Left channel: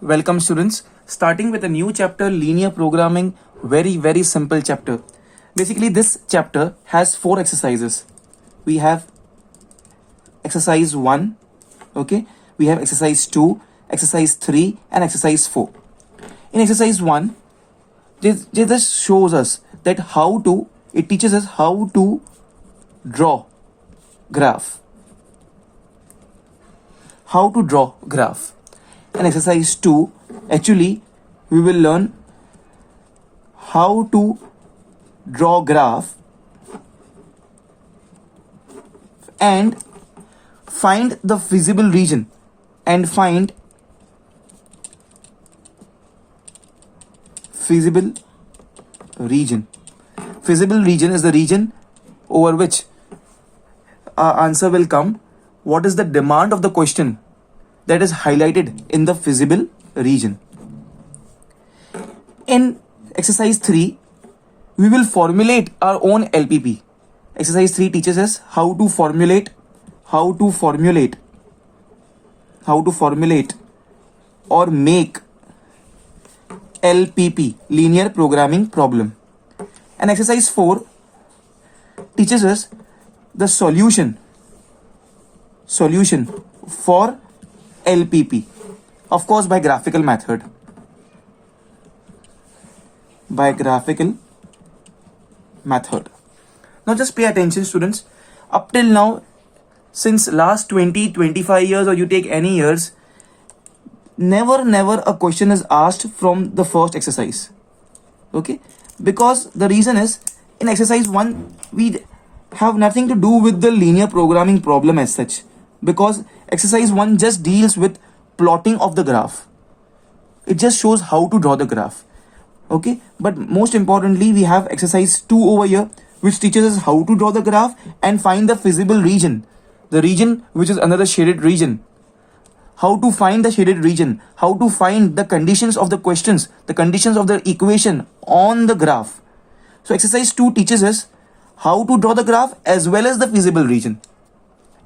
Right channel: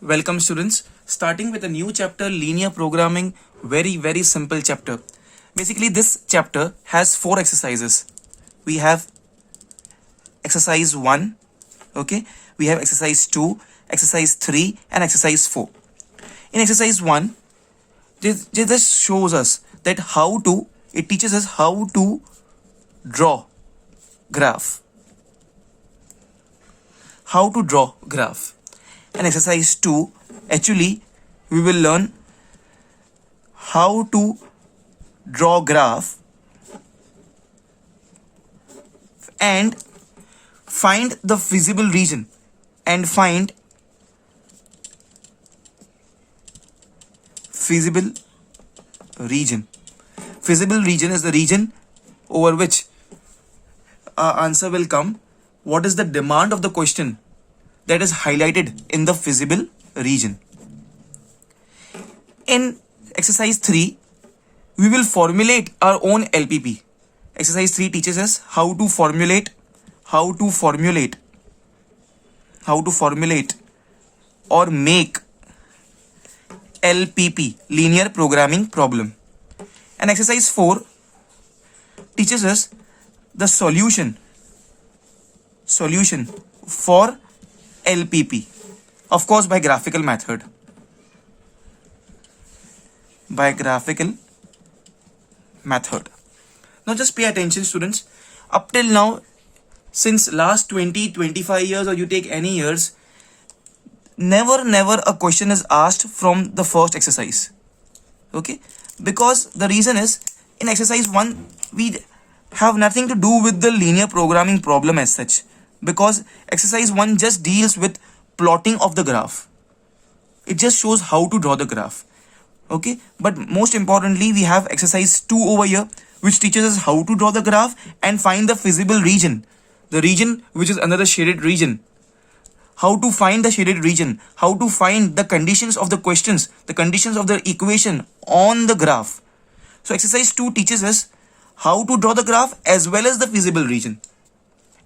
Welcome students, starting with a new chapter, linear programming, very simple chapter. Basically this chapter has 4 exercises. We have exercise 1, okay, we have exercise 2, exercise 3 and exercise 4. In exercise 1, this shows us that it teaches us how to draw graph. How to draw graph. In exercise 2, actually we will learn how to draw graph and find the feasible region and find feasible region. Feasible region is the region over which our answer will come. What is the demand of the question that is highlighted in the feasible region? In exercise 3, we will formulate our own LPP. Exercise 3 teaches us how to formulate or make LPP, linear programming problem. And exercise 4 teaches us the solution for LPP, of course by graphical method. Now just pay attention students. Up till now, since last 20-25 years, or you take any years, never a question is asked from the first exercise. Okay, because the reason is, in exercise 1 we have nothing to do with the linear programming problem as such, because exercise 1 just deals with plotting of the graph. It just shows how to draw the graph. Okay, but most importantly we have exercise 2 over here, which teaches us how to draw the graph and find the feasible region, the region which is another shaded region. How to find the shaded region, how to find the conditions of the questions, the conditions of the equation on the graph. So exercise 2 teaches us how to draw the graph as well as the feasible region.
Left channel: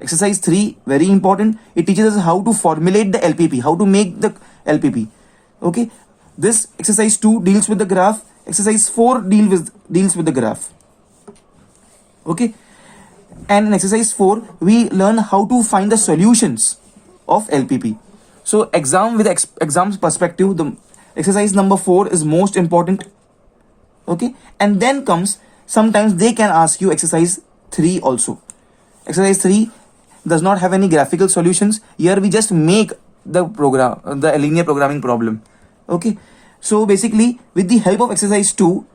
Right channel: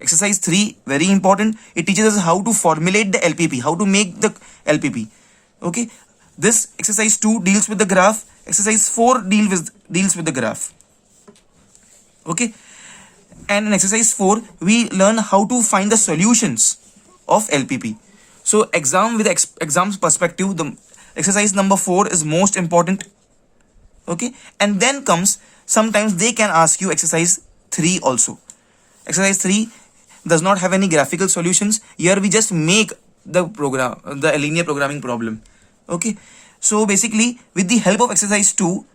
Exercise 3, very important, it teaches us how to formulate the LPP, how to make the LPP. Okay, this exercise 2 deals with the graph, exercise 4 deals with the graph. Okay, and in exercise 4 we learn how to find the solutions of LPP. So exam's perspective, the exercise number 4 is most important. Okay, and then comes, sometimes they can ask you exercise 3 also. Exercise 3 does not have any graphical solutions. Here we just make the linear programming problem. Okay, so basically with the help of exercise 2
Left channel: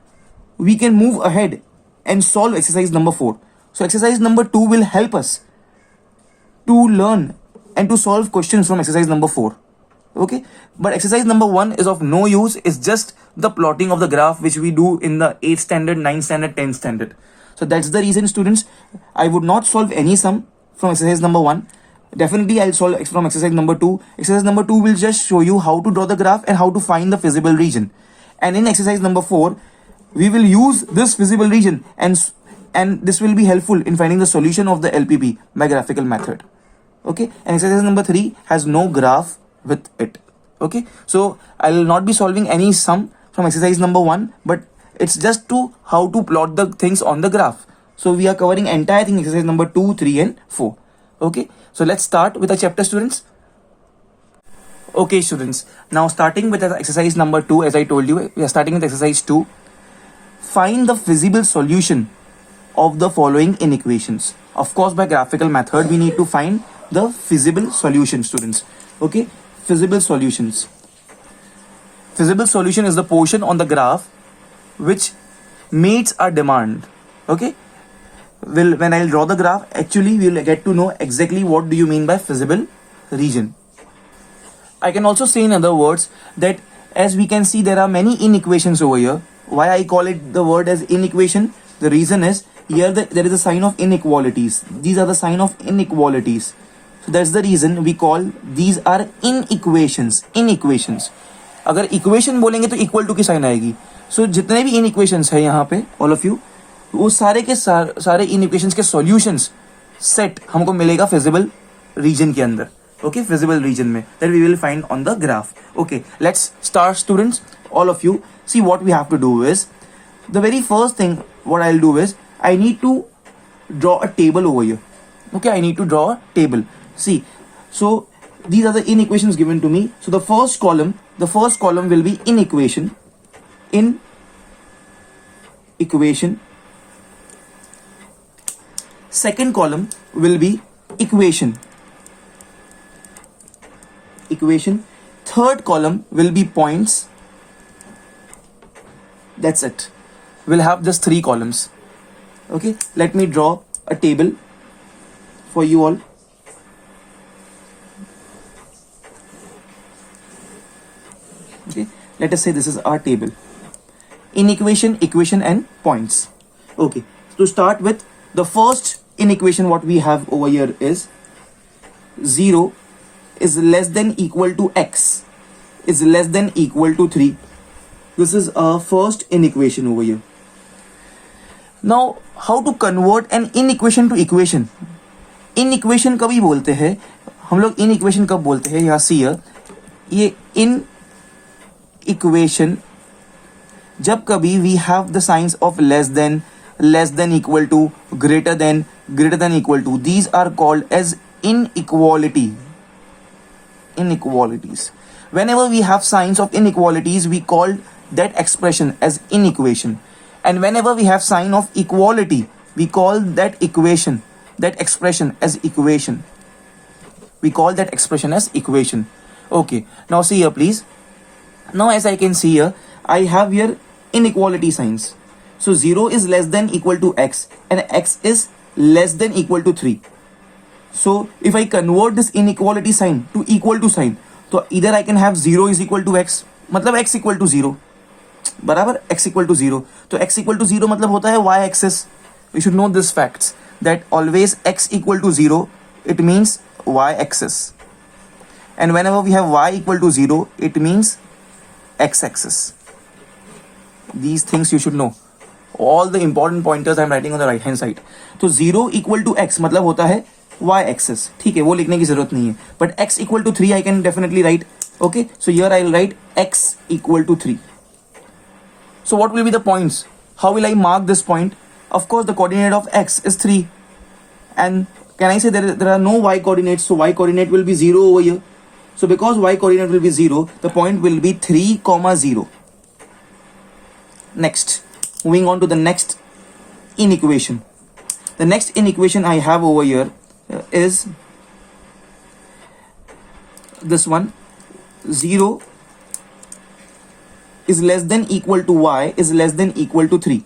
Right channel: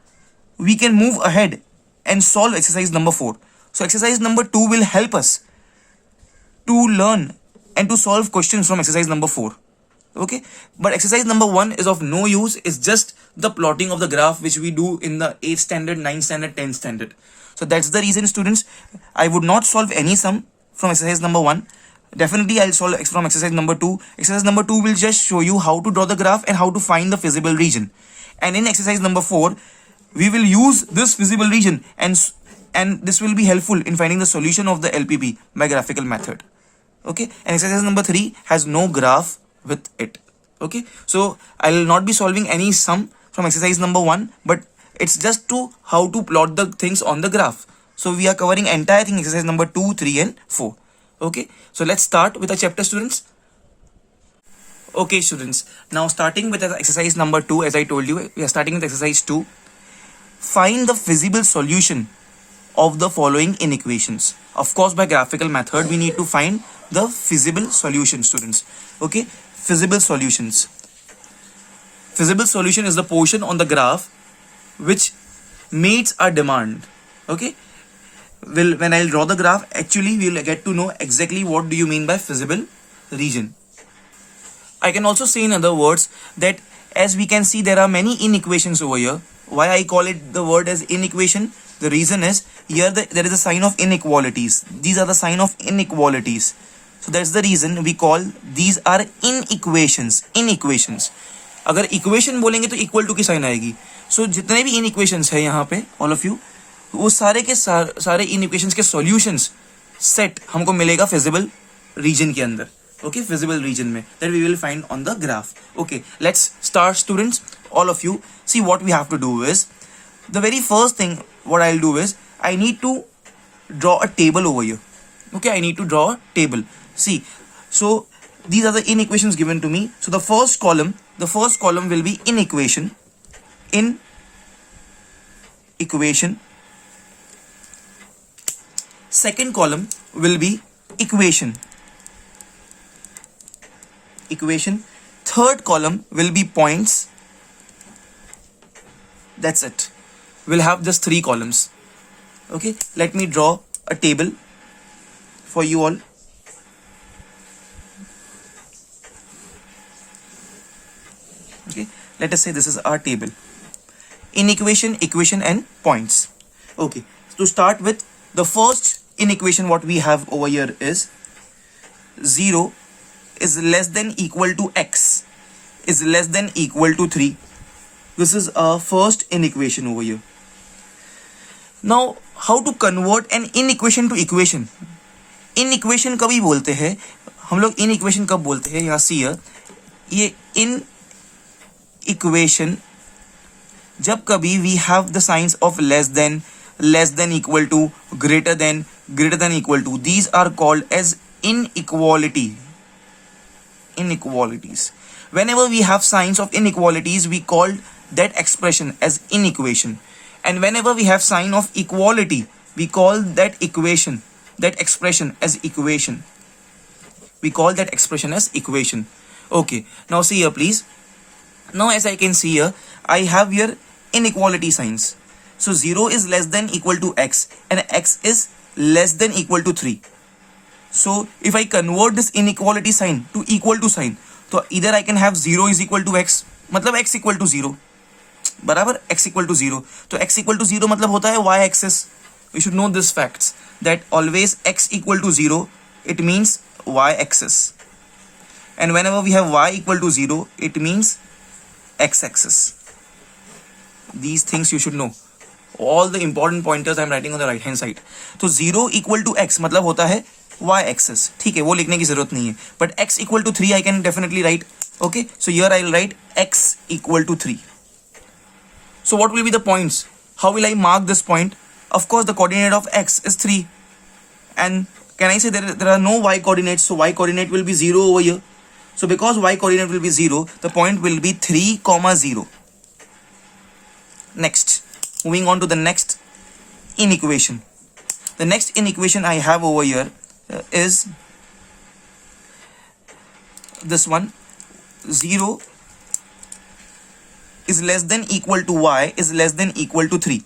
we can move ahead and solve exercise number 4. So exercise number 2 will help us to learn and to solve questions from exercise number 4. Okay, but exercise number 1 is of no use. It's just the plotting of the graph which we do in the 8th standard, 9th standard, 10th standard. So that's the reason students, I would not solve any sum from exercise number 1. Definitely I'll solve from exercise number 2. Exercise number 2 will just show you how to draw the graph and how to find the feasible region. And in exercise number 4 we will use this feasible region and this will be helpful in finding the solution of the LPP by graphical method. Okay, and exercise number 3 has no graph with it. Okay, so I will not be solving any sum from exercise number 1, but it's just to how to plot the things on the graph. So we are covering entire thing, exercise number 2, 3 and 4. Okay, so let's start with the chapter students. Okay students, now starting with exercise number 2, as I told you, we are starting with exercise 2. Find the feasible solution of the following inequations. Of course by graphical method we need to find the feasible solution, students. Okay, feasible solutions. Feasible solution is the portion on the graph which meets our demand. Okay, when I'll draw the graph, actually we'll get to know exactly what do you mean by feasible region. I can also say in other words that as we can see there are many inequations over here. Why I call it the word as inequation? The reason is here there is a sign of inequalities. These are the sign of inequalities. So that's the reason we call these are inequations. अगर equation बोलेंगे तो equal to की sign आएगी. सो जितने भी इनइक्वेशंस है यहाँ पे ऑल ऑफ यू, वो सारे के सारे इनइक्वेशंस के सॉल्यूशंस सेट हमको मिलेगा फिजिबल रीजन के अंदर. okay, visible region में, that we will find on the graph. Okay, let's start students. All of you, see what we have to do is, the very first thing what I'll do is, I need to draw a table over here. Okay, I need to draw a table. See, so these are the inequations given to me. So the first column will be in equation. Second column will be equation. Third column will be points. That's it. We'll have just 3 columns. Okay, let me draw a table for you all. Okay, let us say this is our table. In equation and points. Okay, to start with, the first inequation what we have over here is 0 is less than equal to x is less than equal to 3. This is our first inequation over here. Now, how to convert an inequation to equation? Inequation कभी बोलते हैं हम लोग, inequation कब बोलते हैं? यहाँ see ये in equation जब कभी we have the signs of less than equal to, greater than equal to, these are called as inequalities. Whenever we have signs of inequalities, we call that expression as inequation, and whenever we have sign of equality, we call that expression as equation. Okay, now see here please. Now as I can see here, I have here inequality signs. So 0 is less than equal to x and x is less than equal to 3. So if I convert this inequality sign to equal to sign, तो either I can have 0 is equal to x, मतलब x equal to 0, बराबर x equal to 0. तो x equal to 0 मतलब होता है y axis. You should know this facts, that always x equal to 0, it means y axis, and whenever we have y equal to 0, it means x axis. These things you should know. All the important pointers I am writing on the right hand side. तो 0 equal to x मतलब होता है y axis. ठीक है, वो लिखने की जरूरत नहीं है. But x equal to 3 I can definitely write. Okay, so here I will write x equal to 3. So what will be the points? How will I mark this point? Of course, the coordinate of x is 3. And can I say there are no y coordinates, so y coordinate will be 0 over here. So because y coordinate will be 0, the point will be 3, 0. Next, moving on to the next inequation. The next inequation I have over here is this one. 0 is less than equal to y is less than equal to 3.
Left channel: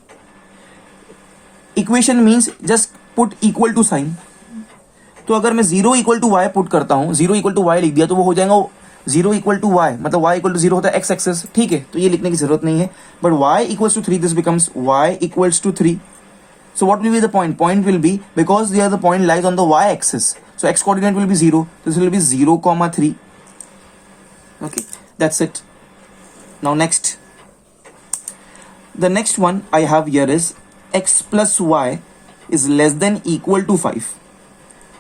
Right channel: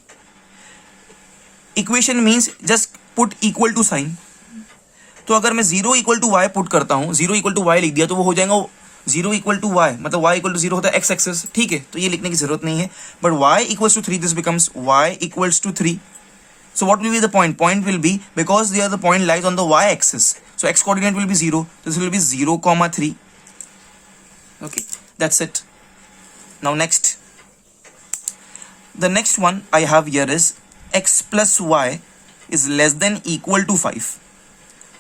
Equation means just put equal to sign. तो अगर मैं 0 equal to y put करता हूँ, 0 equal to y लिख दिया, तो वो हो जाएगा 0 equal to y, मतलब y equal to 0 होता है x एक्सेस. ठीक है, तो ये लिखने की जरूरत नहीं है. But y equals to 3, this becomes y equals to 3. So what will be the point? Point will be, because there the point lies on the y axis, so x coordinate will be 0. This will be 0, 3. Okay, that's it. Now next, the next one I have here is x plus y is less than equal to 5.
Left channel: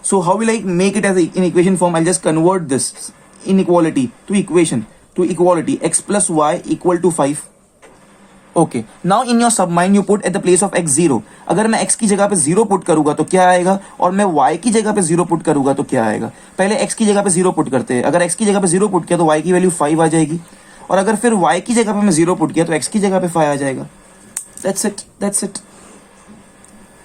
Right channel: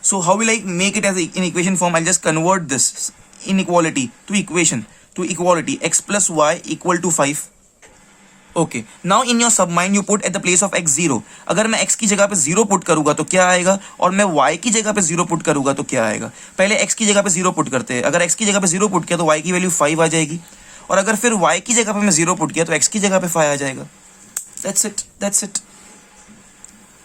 So how will I make it as in equation form? I'll just convert this inequality to equation, to equality. X plus y equal to 5. Okay, now in your submind you put at the place of x 0. अगर मैं x की जगह पे 0 put करूंगा तो क्या आएगा, और मैं y की जगह पे 0 पुट करूंगा तो क्या आएगा. पहले x की जगह पे 0 पुट करते हैं. अगर x की जगह पे 0 पुट किया तो y की वैल्यू 5 आ जाएगी, और अगर फिर y की जगह पे मैं 0 पुट किया तो x की जगह पे 5 आ जाएगा. That's it.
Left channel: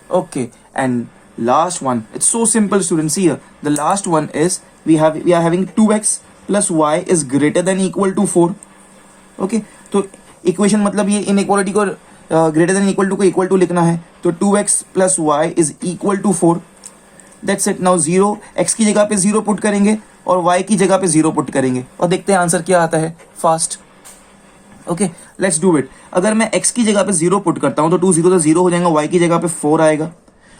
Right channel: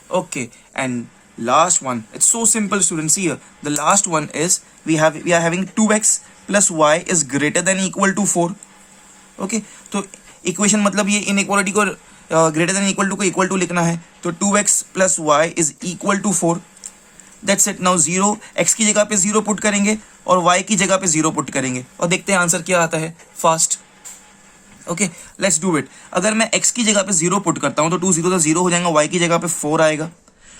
Okay, and last one, it's so simple students. Here the last one is we are having 2x plus y is greater than equal to 4. Okay, तो इक्वेशन मतलब ये इनइक्वालिटी को ग्रेटर देन इक्वल टू को equal to लिखना है. तो 2x plus y is equal to 4. That's it. Now 0 x की जगह पे 0 पुट करेंगे और y की जगह पे 0 पुट करेंगे और देखते हैं आंसर क्या आता है fast. Okay, let's do it. अगर मैं x की जगह पे 0 पुट करता हूँ तो 2 0 तो 0 हो जाएगा, y की जगह पे 4 आएगा,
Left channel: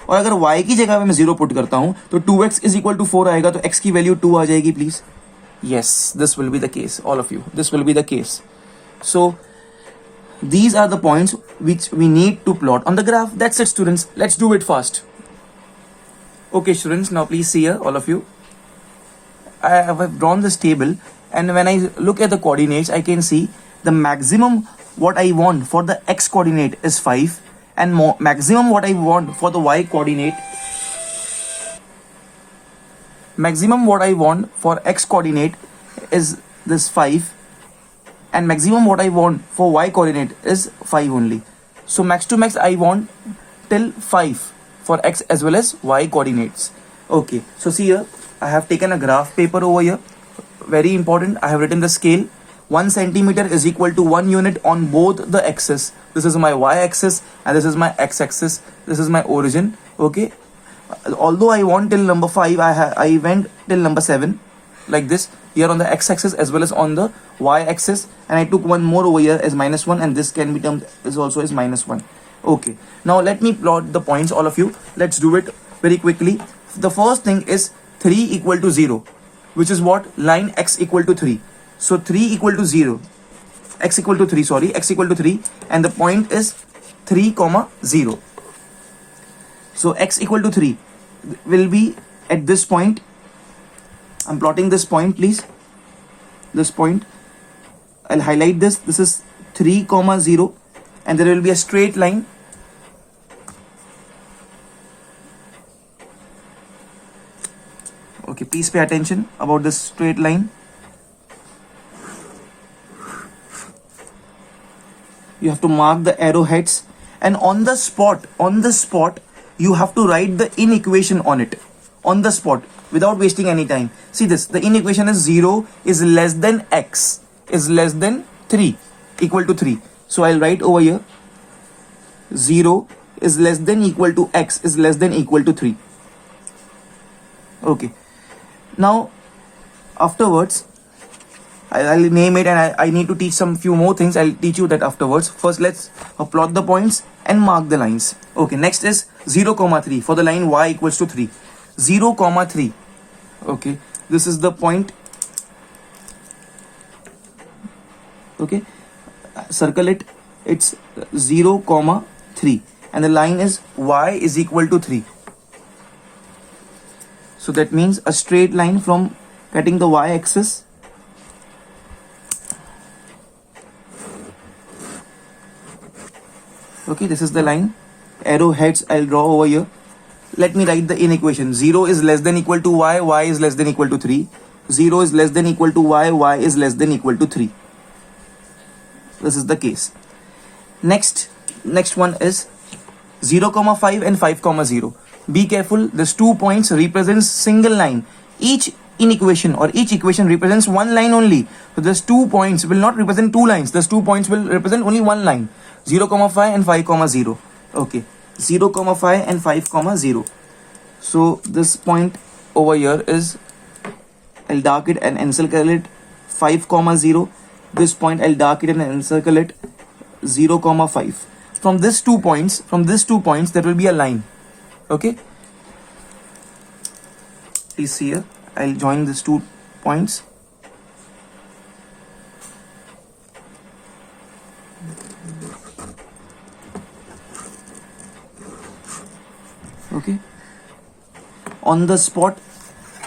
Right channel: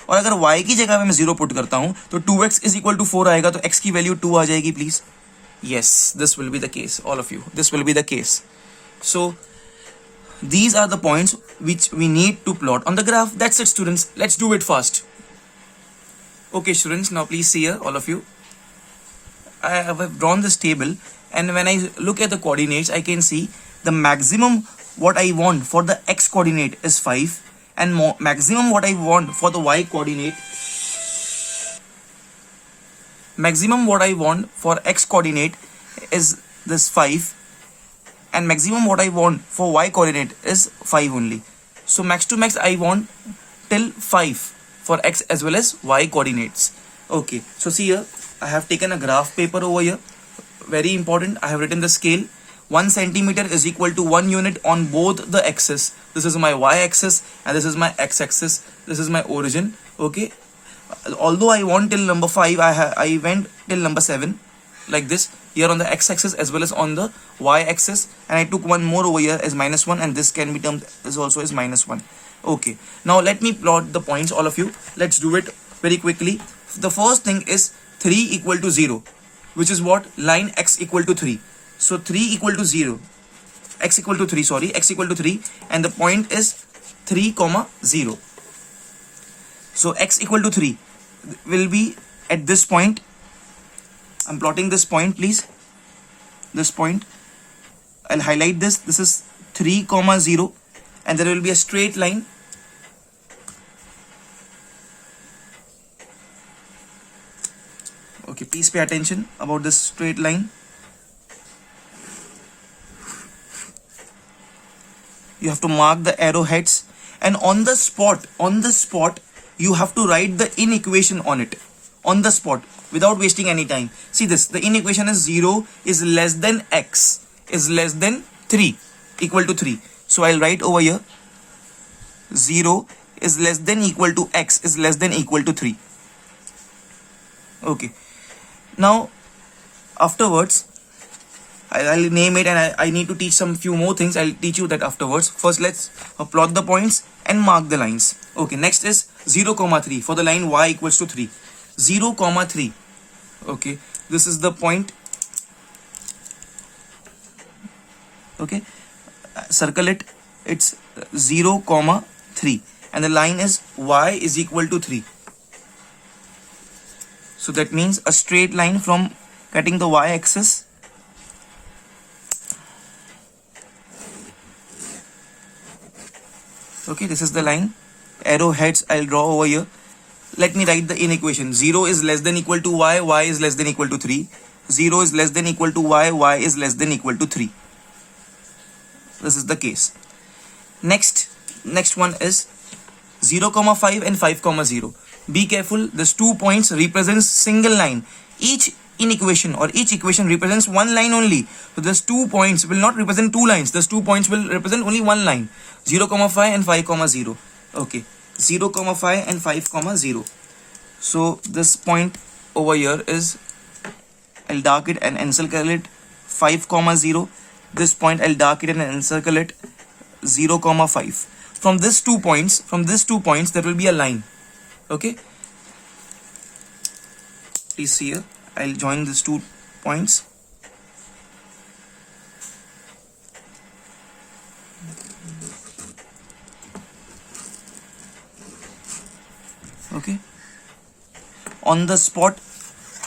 और अगर y की जगह पे मैं 0 पुट करता हूँ तो 2x इज इक्वल टू 4 आएगा, तो x की वैल्यू 2 आ जाएगी please. Yes, this will be the case, all of you. This will be the case. So, these are the points which we need to plot on the graph. That's it, students. Let's do it fast. Okay, students, now please see here, all of you. I have drawn this table, and when I look at the coordinates, I can see the maximum what I want for the x coordinate is 5, and maximum what I want for the y coordinate, maximum what I want for x coordinate is this 5, and maximum what I want for y coordinate is 5 only. So max to max I want till 5 for x as well as y coordinates. Okay, so see here, I have taken a graph paper over here. Very important, I have written the scale. 1 centimeter is equal to 1 unit on both the axes. This is my y axis and this is my x axis. This is my origin. Okay, although I want till number 5, I went till number 7 like this here on the x axis as well as on the y axis, and I took one more over here as -1, and this can be termed is also as -1. Okay, now let me plot the points, all of you. Let's do it very quickly. The first thing is 3 equal to 0, which is what? Line x equal to 3. So 3 equal to 0, x equal to 3, sorry, x equal to 3, and the point is 3 comma 0. So x equal to 3 will be at this point. I'm plotting this point, please. This point, I'll highlight this. This is 3 comma 0, and there will be a straight line. Okay, please pay attention about this straight line. You have to mark the arrowheads, and on the spot, you have to write the inequation on it, on the spot, without wasting any time. See this, the inequation is 0 is less than x is less than 3 equal to 3. So I'll write over here 0 is less than equal to x is less than equal to 3. Okay, now afterwards I'll name it, and I need to teach some few more things. I'll teach you that afterwards. First let's plot the points and mark the lines. Okay, next is 0 comma 3 for the line y equals to 3. 0 comma 3. Okay, this is the point. Okay, circle it. It's 0 comma 3, and the line is y is equal to 3. So that means a straight line from cutting the y axis. Okay, this is the line. Arrowheads I'll draw over here. Let me write the inequation. 0 is less than equal to y, y is less than equal to 3. 0 is less than equal to y, y is less than equal to 3. This is the case. Next one is 0 comma 5 and 5 comma 0. Be careful, this 2 points represents single line. Each inequation or each equation represents one line only. So this 2 points will not represent 2 lines. This 2 points will represent only one line. 0 comma 5 and 5 comma 0. Okay, 0 comma 5 and 5 comma 0. So this point over here is, I'll dark it and encircle it 5 comma 0. This point I'll dark it and encircle it 0 comma 5. From these 2 points, there will be a line. Okay, please see here, I'll join these 2 points. Okay, on the spot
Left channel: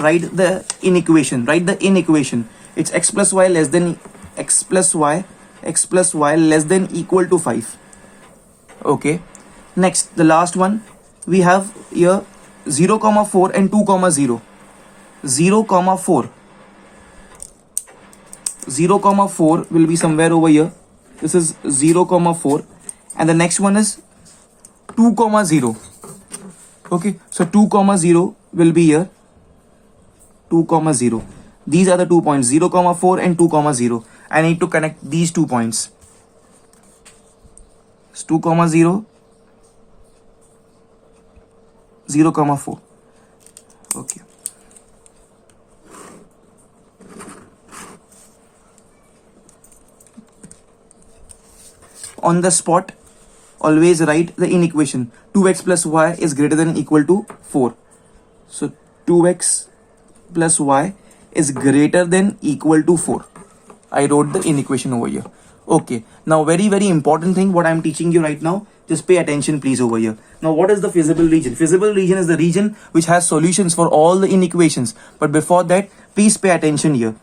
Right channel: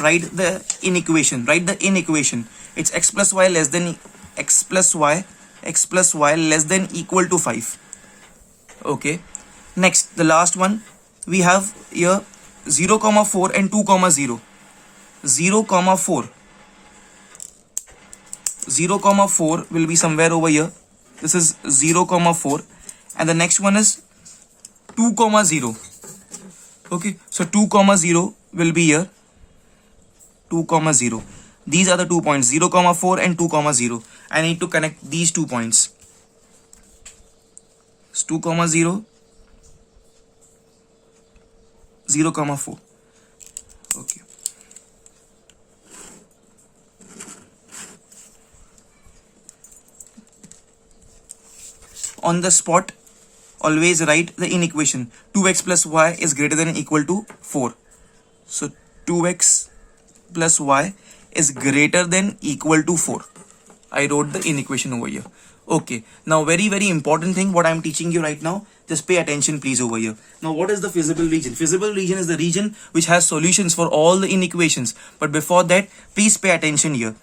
write the inequation. It's x plus y less than equal to 5. Okay, next, the last one we have here 0 comma 4 and 2 comma 0. 0 comma 4 will be somewhere over here. This is 0 comma 4, and the next one is 2 comma 0. Okay, so 2 comma 0 will be here. 2 comma 0. These are the 2 points, 0 comma 4 and 2 comma 0. I need to connect these 2 points. It's 2 comma 0, 0 comma 4. Okay. On the spot, always write the inequation. 2x plus y is greater than or equal to 4. So 2x plus y is greater than equal to 4. I wrote the inequation over here. Okay, now very important thing what I am teaching you right now, just pay attention please over here. Now what is the feasible region? Feasible region is the region which has solutions for all the inequations. But before that, please pay attention here.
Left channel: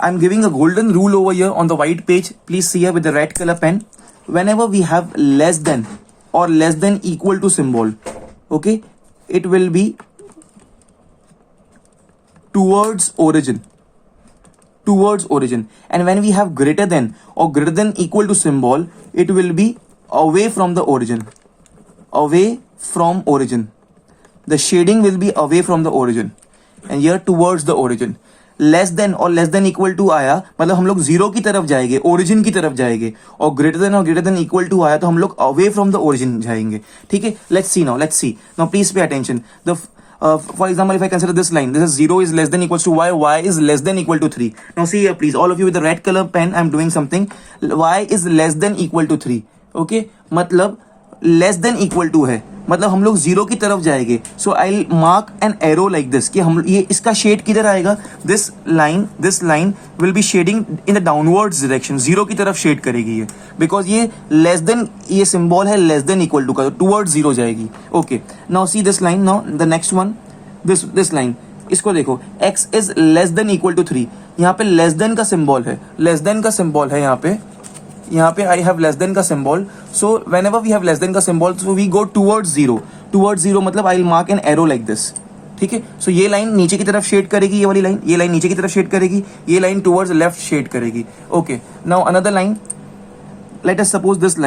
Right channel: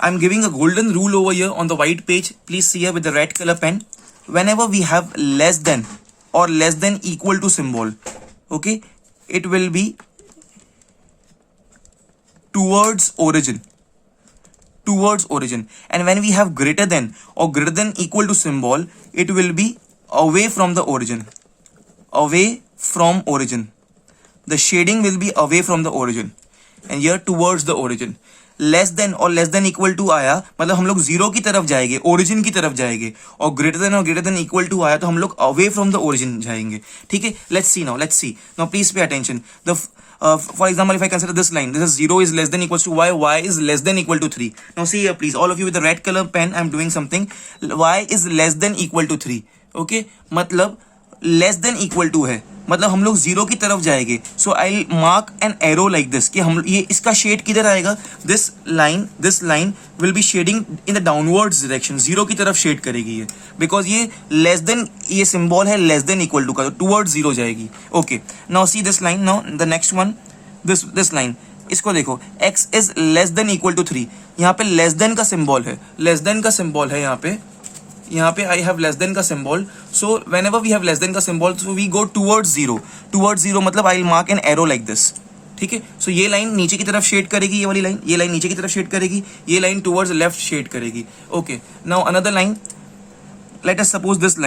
I'm giving a golden rule over here on the white page. Please see here with the red color pen. Whenever we have less than or less than equal to symbol, okay, it will be towards origin. Towards origin. And when we have greater than or greater than equal to symbol, it will be away from the origin. Away from origin. The shading will be away from the origin. And here towards the origin. Less than और less than equal to आया मतलब हम लोग zero की तरफ जाएंगे, origin की तरफ जाएंगे. और ग्रेटर देन इक्वल टू आया तो हम लोग अवे फ्रॉम द ओरिजिन जाएंगे. ठीक है, let's see now please pay attention. The for example, if I consider this line, this is 0 is less than equals to y is less than equal to 3. Now see here please, all of you with the red color pen, I'm doing something. Y is less than equal to 3. Okay, मतलब less than equal to है, मतलब हम लोग zero की तरफ जाएंगे. So I mark an arrow like this कि हम ये इसका शेड किधर आएगा. This line will be shading in the downwards direction. Zero की तरफ शेड करेगी ये, बिकॉज ये लेस देन, ये सिंबल है लेस देन इक्वल टू का, टूवर्ड्स जीरो जाएगी. Okay, now see this line. Now the next one, this line, इसको देखो, x is less than equal to 3. यहाँ पे लेस देन का सिंबल है, लेस देन का सिंबल है यहाँ पे आई हैव लेस देन का symbol. So whenever we have less than का symbol, so we go towards zero मतलब I will mark an arrow like this. ठीक है, सो ये लाइन नीचे की तरफ शेड करेगी, ये वाली लाइन, ये लाइन नीचे की तरफ शेड करेगी, ये लाइन टूवर्ड्स लेफ्ट शेड करेगी. Okay, now another line, let us suppose this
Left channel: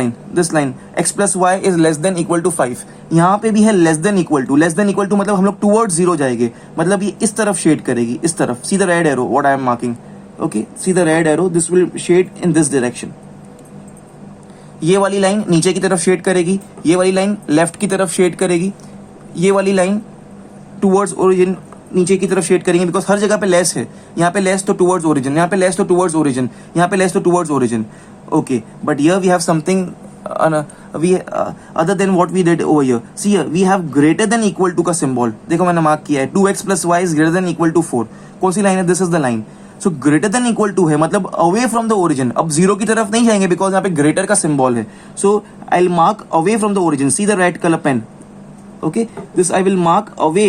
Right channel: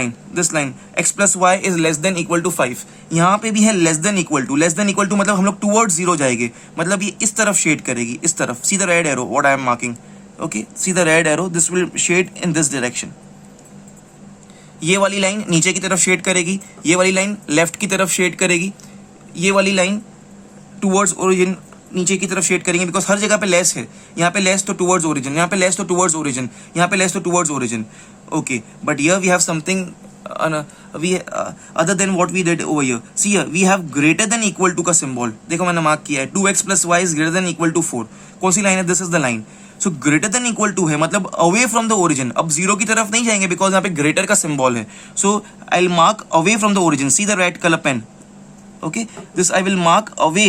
line x plus y is less than equal to 5. यहाँ पे भी है लेस देन इक्वल टू मतलब हम लोग टूवर्ड्स जीरो जाएंगे, मतलब ये इस तरफ शेड करेगी, इस तरफ. See the red arrow what I am marking. Okay, see the red arrow, this will shade in this direction. ये वाली लाइन नीचे की तरफ शेड करेगी, ये वाली लाइन लेफ्ट की तरफ शेड करेगी, ये वाली लाइन टूवर्ड्स ओरिजिन नीचे की तरफ शेड करेंगे, बिकॉज हर जगह पे लेस है. यहाँ पे लेस तो टूवर्ड्स ओरिजिन, यहाँ पे लेस तो टूवर्ड्स ओरिजिन, यहाँ पे लेस तो towards origin. Okay, but here we have something other than what we did over here. See here, we have greater than equal to का symbol. देखो मैंने मार्क किया है, 2x plus y is greater than equal to 4. कौन सी line है? This is the line. So greater than equal to है, मतलब अवे फ्रॉम द ओरिजिन. अब जीरो की तरफ नहीं जाएंगे बिकॉज यहाँ पे ग्रेटर का सिंबल है. So I will mark away from the origin. See the red colour pen. Okay, this I will mark away,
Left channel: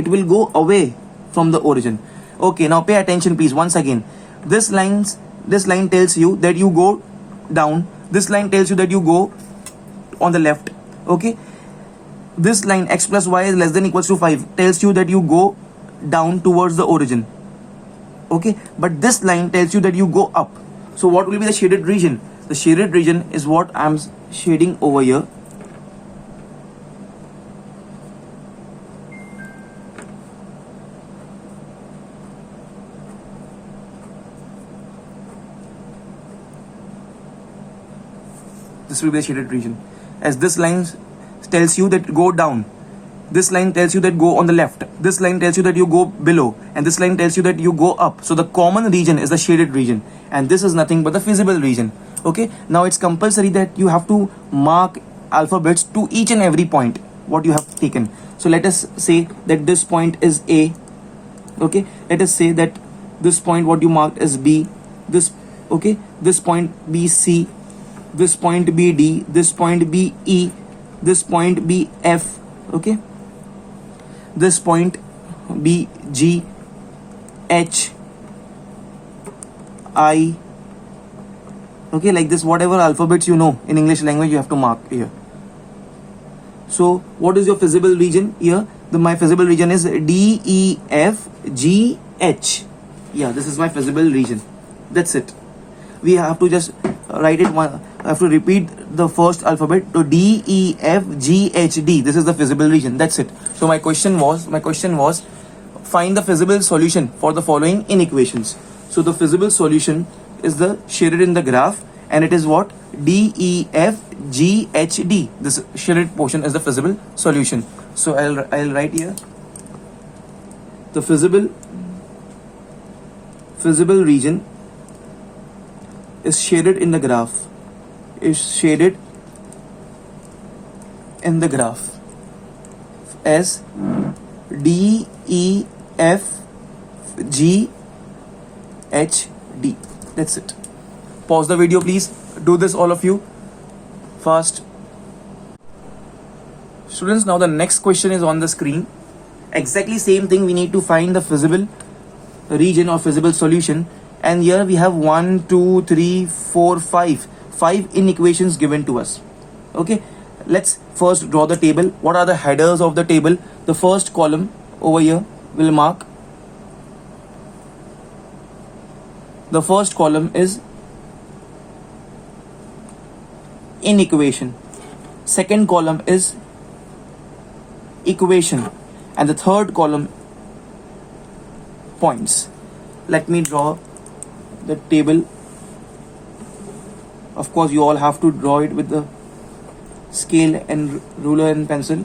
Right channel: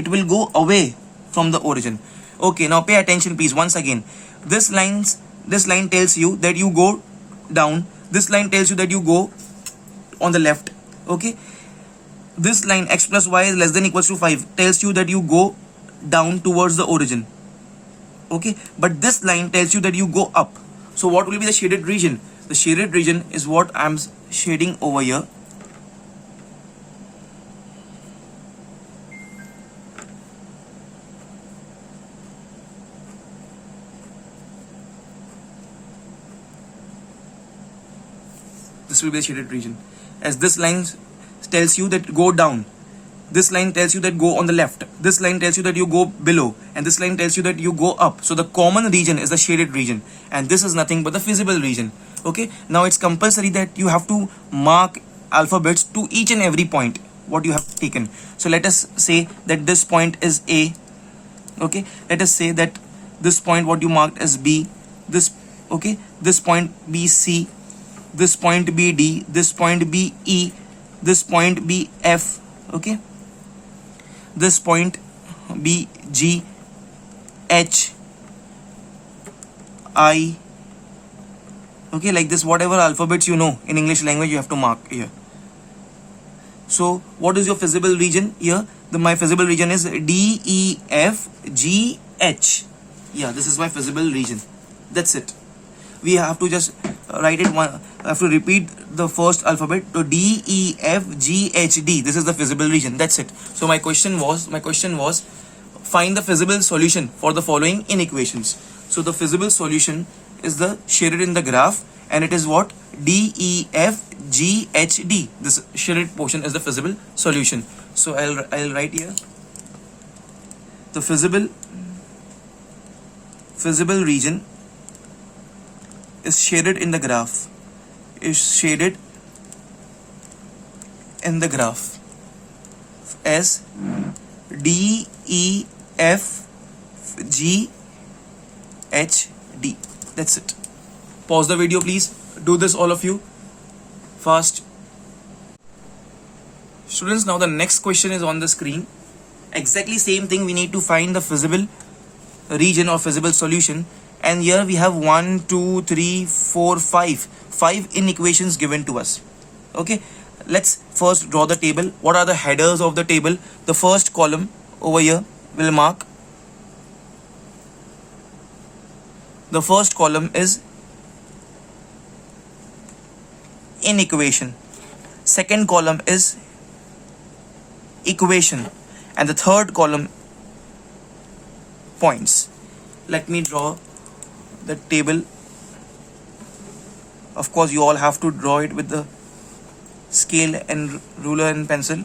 it will go away from the origin. Okay, now pay attention please once again. This line tells you that you go down, this line tells you that you go on the left. Okay, this line x plus y is less than equals to 5 tells you that you go down towards the origin. Okay, but this line tells you that you go up. So what will be the shaded region? The shaded region is what I am shading over here. This will be the shaded region, as this line tells you that go down, this line tells you that go on the left, this line tells you that you go below, and this line tells you that you go up. So the common region is the shaded region, and this is nothing but the feasible region. Okay, now it's compulsory that you have to mark alphabets to each and every point what you have taken. So let us say that this point is A. Okay, let us say that this point what you marked is B. This point B C, this point be D, this point be E, this point be F. Okay, this point be G, H, I. Okay, like this, whatever alphabets you know in English language you have to mark here. So what is your feasible region here? My feasible region is D, E, F, G, H. Yeah, this is my feasible region. That's it. We have to just write it one. I have to repeat the first alphabet to D, E, F, G, H, D. This is the feasible region. That's it. So my question was find the feasible solution for the following inequations. So the feasible solution is the shaded in the graph, and it is what? D, E, F, G, H, D. This shaded portion is the feasible solution. So I'll write here the feasible region is shaded in the graph, as D, E, F, G, H, D. That's it. Pause the video, please. Do this, all of you. Fast. Students, now the next question is on the screen. Exactly same thing. We need to find the feasible region or feasible solution. And here we have 1, 2, 3, 4, 5. 5 inequations given to us. Okay. Let's first draw the table. What are the headers of the table? The first column over here will mark. The first column is inequation. Second column is equation. And the third column points. Let me draw the table. Of course, you all have to draw it with the scale and ruler and pencil.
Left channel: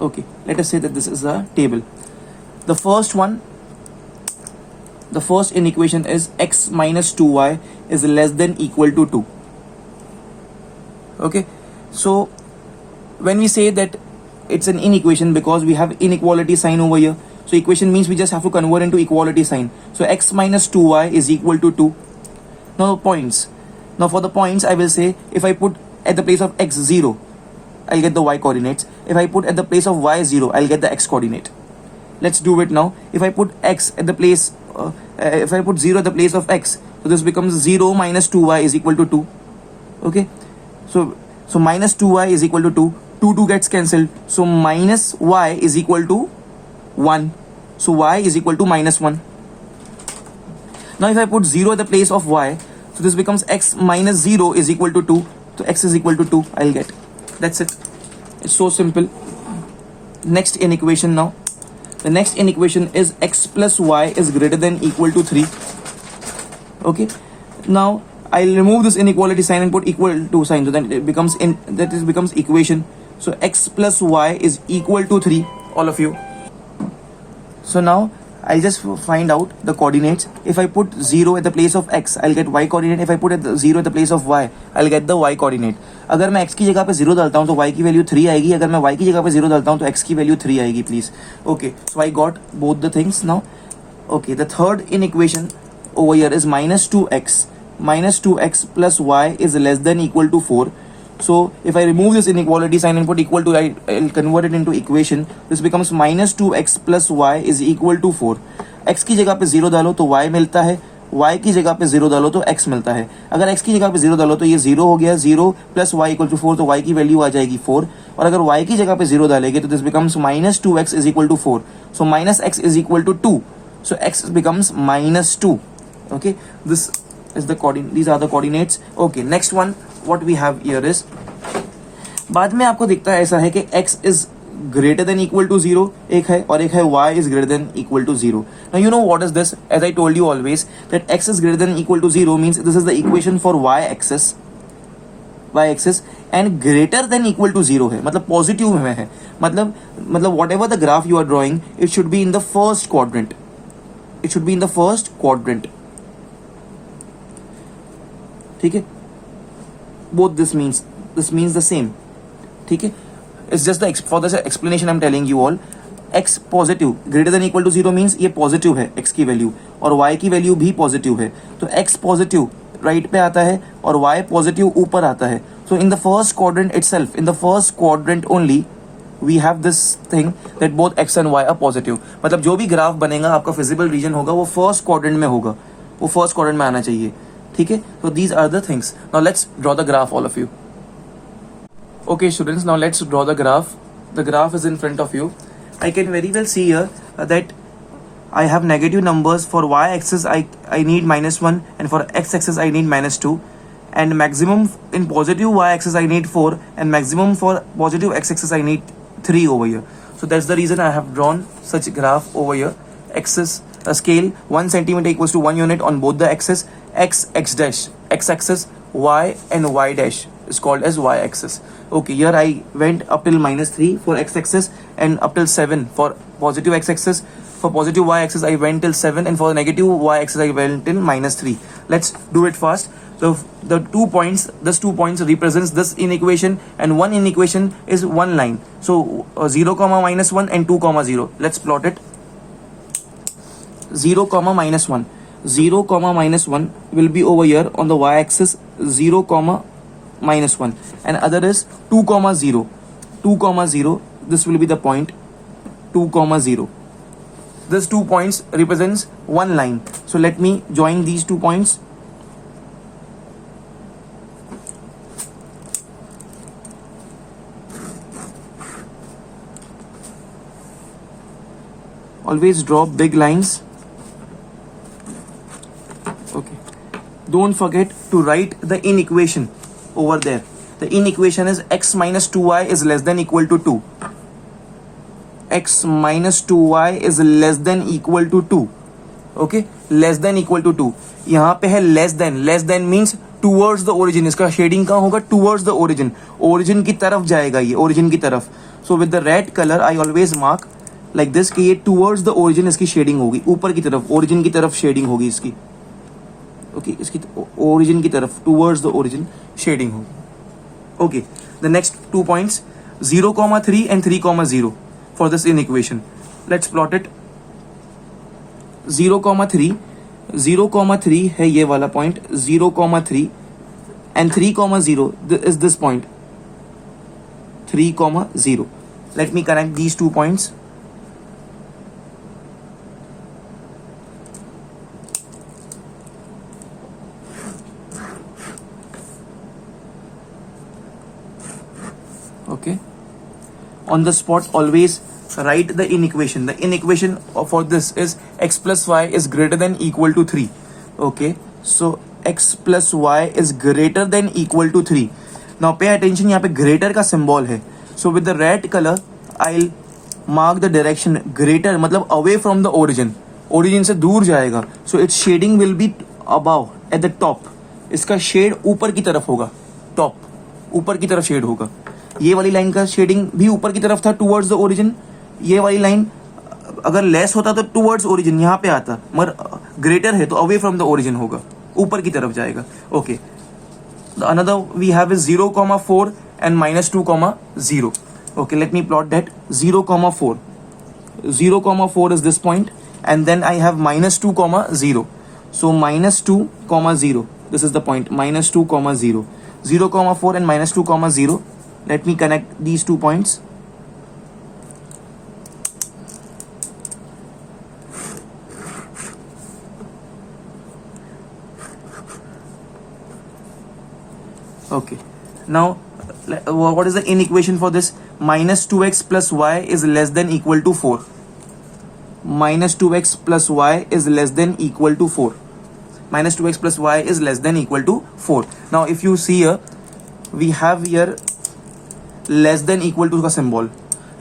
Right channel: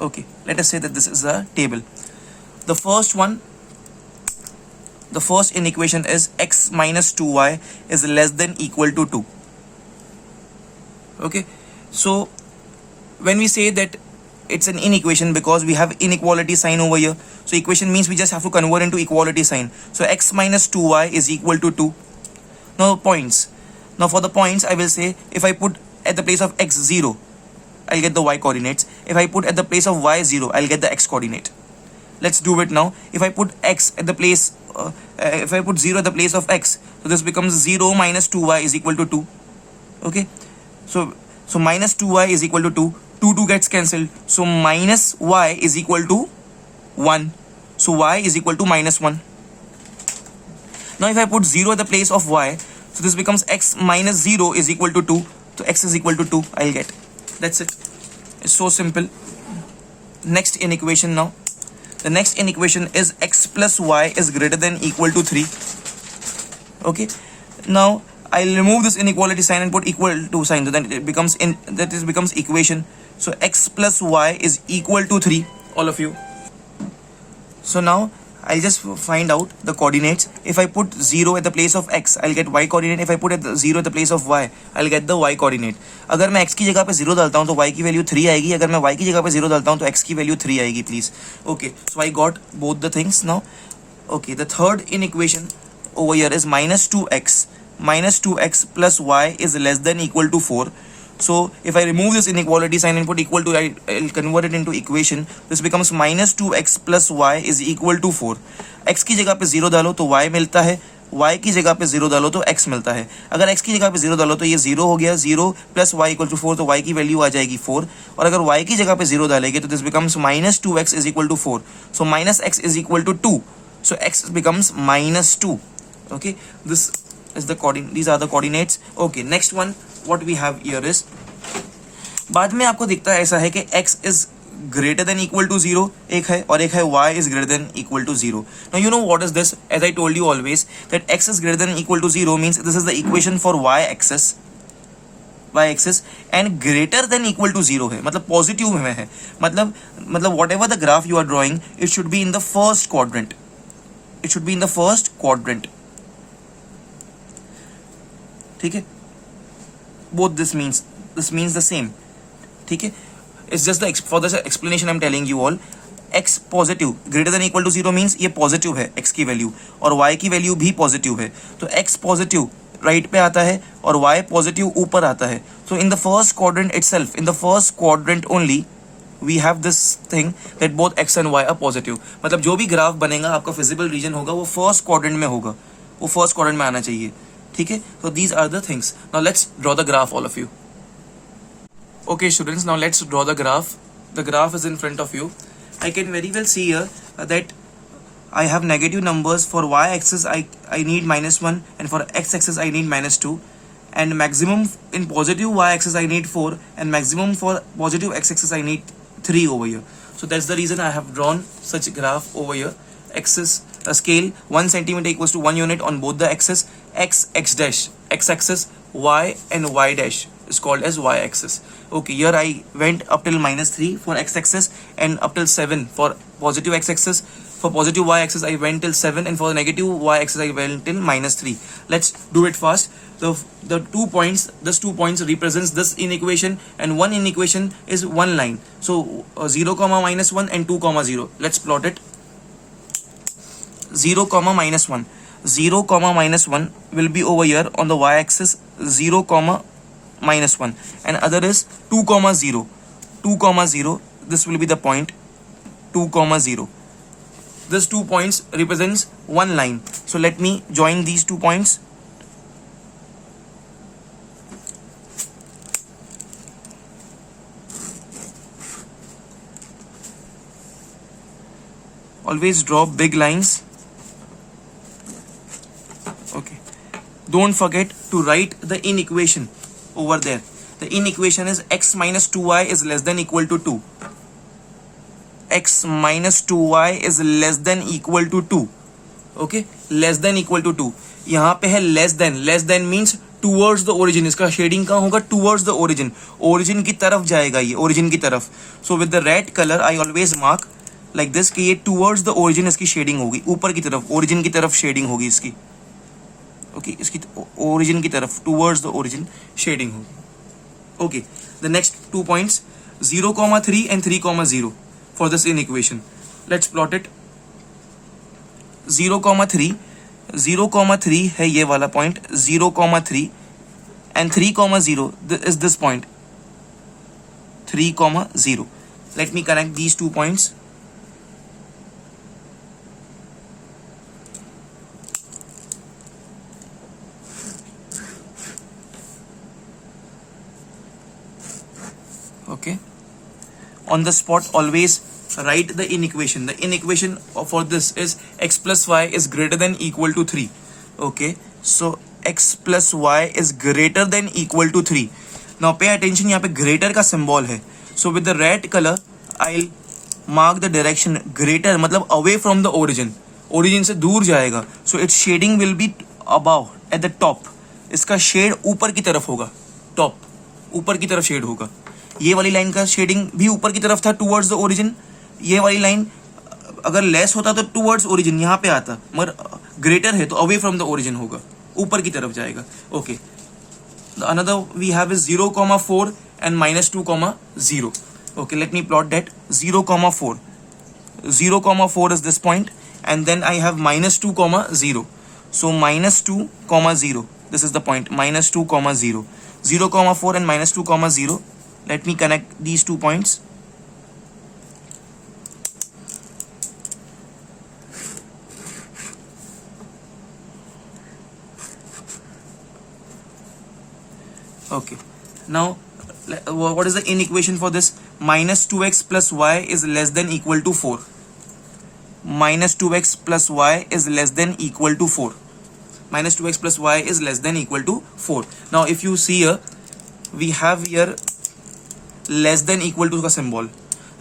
Okay, let us say that this is a table. The first one, the first inequation is x minus 2y is less than equal to 2. Okay, so when we say that it's an inequation, because we have inequality sign over here, so equation means we just have to convert into equality sign. So x minus 2y is equal to 2. Now points. Now for the points, I will say if I put at the place of x 0, I'll get the y coordinates. If I put at the place of y 0, I'll get the x coordinate. Let's do it now. If I put x at the place, if I put 0 at the place of x, so this becomes 0 minus 2y is equal to 2. Okay, so minus 2y is equal to 2. 2 gets cancelled. So minus y is equal to 1. So y is equal to minus 1. Now if I put 0 at the place of y, so this becomes x minus 0 is equal to 2. So x is equal to 2 I'll get. That's it. It's so simple. Next inequation now. The next inequation is x plus y is greater than equal to 3. Okay. Now I'll remove this inequality sign and put equal to sign. So then it becomes becomes equation. So x plus y is equal to 3. All of you. So now I'll just find out the coordinates. If I put 0 at the place of x, I'll get y coordinate. If I put 0 at the place of y, I'll get the y coordinate. अगर मैं x की जगह पे 0 डालता हूँ तो y की value 3 आएगी. अगर मैं y की जगह पे 0 डालता हूँ तो x की वैल्यू 3 आएगी. Please. Okay. So I got both the things now. Okay. The third inequation over here is minus 2x. Minus 2x plus y is less than equal to 4. So if I remove this inequality sign and put equal to, I'll convert it into equation. This becomes minus 2x plus y is equal to 4. x की जगह पे 0 डालो तो y मिलता है. y की जगह पे 0 डालो तो x मिलता है. अगर x की जगह पे 0 डालो तो ये 0 हो गया. 0 प्लस y इक्वल टू 4, तो y की वैल्यू आ जाएगी 4. और अगर y की जगह पे 0 डालेंगे तो this becomes minus 2x is equal to 4. So minus x is equal to 2. So x becomes minus 2. Okay, this is the coordinate. These are the coordinates. Okay, next one what we have here is, बाद में आपको दिखता है ऐसा है कि x is greater than equal to 0 एक है, और एक है y is greater than equal to 0. Now you know what is this? As I told you always that x is greater than equal to 0 means this is the equation for y axis and greater than equal to 0 है, मतलब positive में है. मतलब whatever the graph you are drawing, it should be in the first quadrant. It should be in the first quadrant. ठीक है, both this means the same. ठीक है, it's just the for the explanation I'm telling you all. x positive greater than equal to 0 means ये positive है x की value, और y की value भी पॉजिटिव है. तो x पॉजिटिव राइट पे आता है और y पॉजिटिव ऊपर आता है. So in the first quadrant itself, in the first quadrant only we have this thing that both x and y are positive. मतलब जो भी ग्राफ बनेगा आपका फिजिबल रीजन होगा वो फर्स्ट क्वाड्रेंट में होगा, वो फर्स्ट क्वाड्रेंट में आना चाहिए. ठीक है, so these are the things. Now let's draw the graph, all of you. Okay students, now let's draw the graph. The graph is in front of you. I can very well see here that I have negative numbers. For y-axis I need -1, and for x-axis I need -2, and maximum in positive y-axis I need 4, and maximum for positive x-axis I need 3 over here. So that's the reason I have drawn such graph over here. Axis, a scale 1 centimeter equals to 1 unit on both the axis. X dash, x-axis, y and y dash is called as y-axis. Okay, here I went up till -3 for x-axis and up till 7 for positive x-axis. For positive y-axis I went till 7, and for negative y-axis I went till -3. Let's do it fast. The 2 points, this 2 points represents this inequation, and one inequation is one line. So 0, -1 and 2, 0. Let's plot it. 0 comma minus 1. 0 comma minus 1 will be over here on the y-axis, 0 comma minus 1, and other is 2 comma 0. 2 comma 0, this will be the point 2 comma 0. This 2 points represents one line. So let me join these 2 points. Always draw big lines. Okay. Don't forget to write the inequation over there. The inequation is x minus 2y is less than equal to 2. X minus 2y is less than equal to 2. Okay, less than equal to 2. यहाँ पे है less than means towards the origin. इसका shading कहाँ होगा? Towards the origin. Origin की तरफ जाएगा ये, origin की तरफ. So with the red color I always mark like this कि ये towards the origin इसकी शेडिंग होगी, ऊपर की तरफ, origin की तरफ शेडिंग होगी इसकी. Okay, इसकी origin की तरफ, towards the origin शेडिंग होगी. Okay, the next 2 points 0,3 and 3,0 for this inequation. Let's plot it. 0,3 है ये वाला point, 0,3 and 3,0 is this point, 3,0. Let me connect these 2 points. Okay, on the spot always write the inequation. The inequation for this is x plus y is greater than equal to 3. Okay, so x plus y is greater than equal to 3. Now pay attention, यहाँ पे greater का symbol है. So with the red color I'll mark the direction. Greater मतलब away from the origin. Origin से दूर जाएगा. So its shading will be above at the top. इसका shade ऊपर की तरफ होगा. Top ऊपर की तरफ shade होगा. ये वाली लाइन का शेडिंग भी ऊपर की तरफ था, टूवर्ड्स द ओरिजिन. ये वाली लाइन अगर लेस होता तो टूवर्ड्स ओरिजिन यहाँ पे आता, मगर ग्रेटर है तो अवे फ्रॉम द ओरिजिन होगा, ऊपर की तरफ जाएगा. Okay, another we have is 0,4 and -2,0. Okay, let me plot that. 0,4 is this point, and then I have -2,0. So -2,0, this is the point, -2,0. 0,4 and -2,0. Let me connect these 2 points. Okay, now what is the inequation for this? -2x plus y is less than equal to 4. -2x plus y is less than equal to 4. -2x plus y is less than equal to 4. Now if you see here, we have here less than equal to का सिंबल.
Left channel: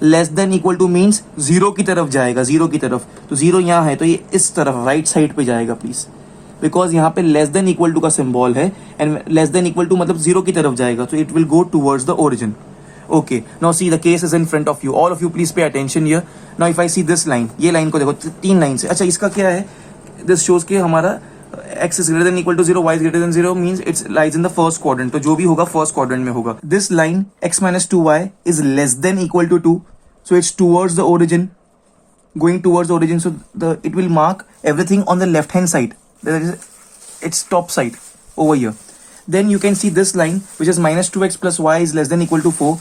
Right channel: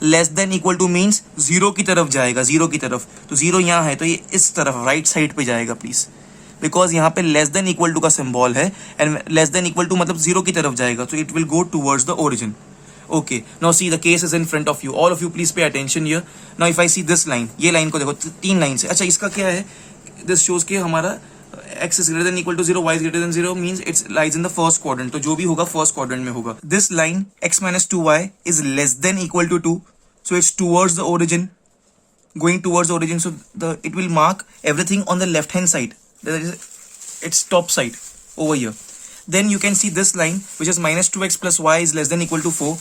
Less than equal to means zero की तरफ जाएगा, zero की तरफ. तो zero यहाँ है तो ये इस तरफ राइट साइड पे जाएगा प्लीज, बिकॉज यहाँ पे लेस देन इक्वल टू का सिंबल है and less than equal to मतलब जीरो की तरफ जाएगा, तो it will go towards the origin. Okay, now see the case is in front of you. All of you please pay attention here. Now if I see this line, ये line को देखो, 3 line से. अच्छा, इसका क्या है? This shows के हमारा x is greater than equal to 0, y is greater than 0 means it lies in the first quadrant. तो जो भी होगा first quadrant में होगा. This line x minus 2y is less than equal to 2, so it's towards the origin, going towards the origin. So it will mark everything on the left hand side, that is its top side over here. Then you can see this line which is minus 2x plus y is less than equal to 4.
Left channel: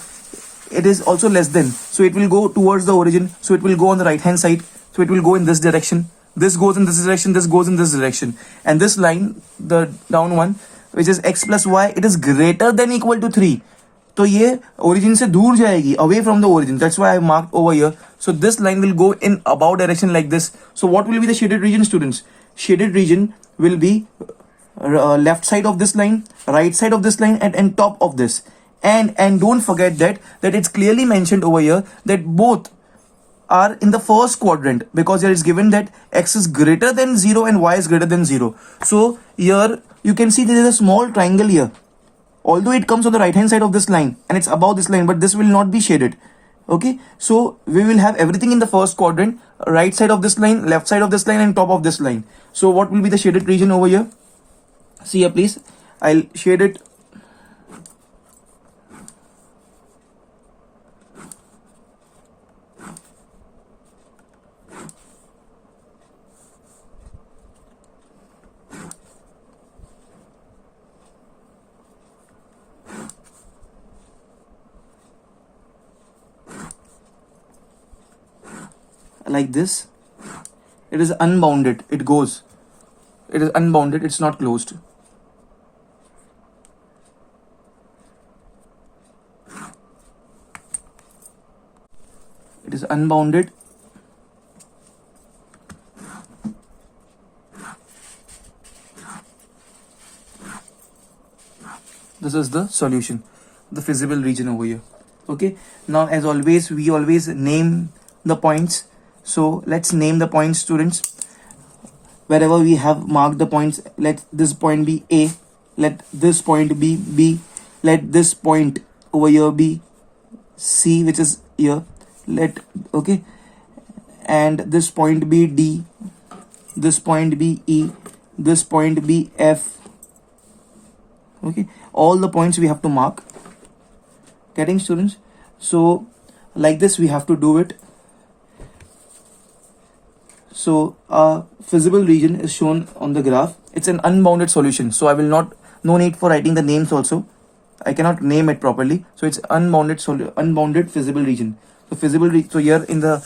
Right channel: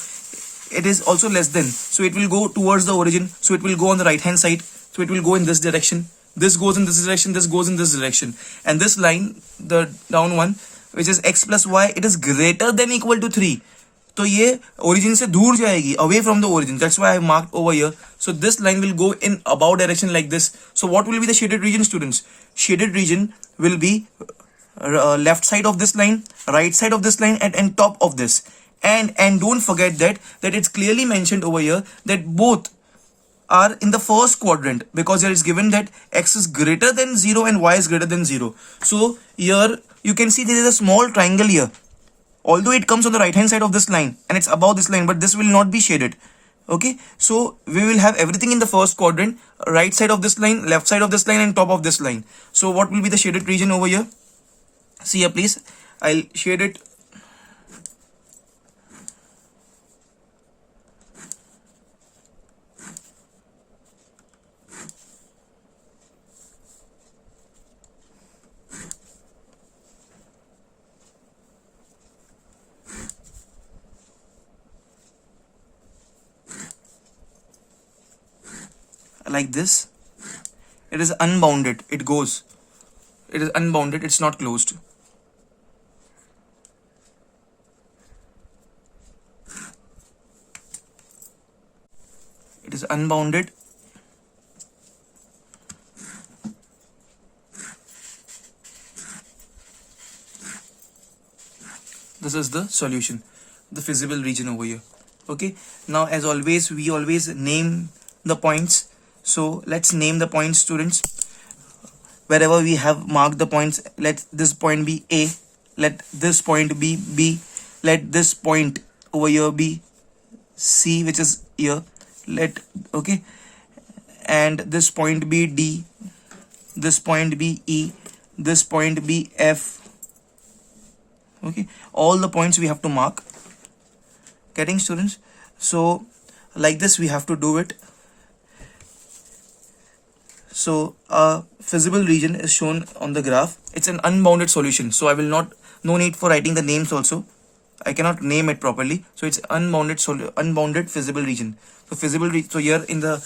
It is also less than, so it will go towards the origin, so it will go on the right hand side, so it will go in this direction. This goes in this direction, this goes in this direction, and this line, the down one, which is x plus y, it is greater than equal to 3. तो ये origin से दूर जाएगी, away from the origin. That's why I marked over here. So this line will go in above direction like this. So what will be the shaded region, students? Shaded region will be left side of this line, right side of this line, and top of this. And don't forget that it's clearly mentioned over here that both are in the first quadrant, because here it's given that x is greater than 0 and y is greater than 0. So here you can see there is a small triangle here, although it comes on the right hand side of this line and it's above this line, but this will not be shaded. Okay, so we will have everything in the first quadrant, right side of this line, left side of this line, and top of this line. So what will be the shaded region over here? See here please, I'll shade it. like this. It is unbounded. It goes. It is unbounded. It's not closed. It is unbounded. This is the solution, the feasible region over here. Okay, now as always, we always name the points. So let's name the points, students. Wherever we have marked the points, let this point be A, let this point be B, let this point over here be C, which is here, okay, and this point be D, this point be E, this point be F. Okay, all the points we have to mark. Getting, students? So like this we have to do it. So a feasible region is shown on the graph. It's an unbounded solution, so I will not, no need for writing the names also. I cannot name it properly. So it's unbounded feasible region. The feasible so here in the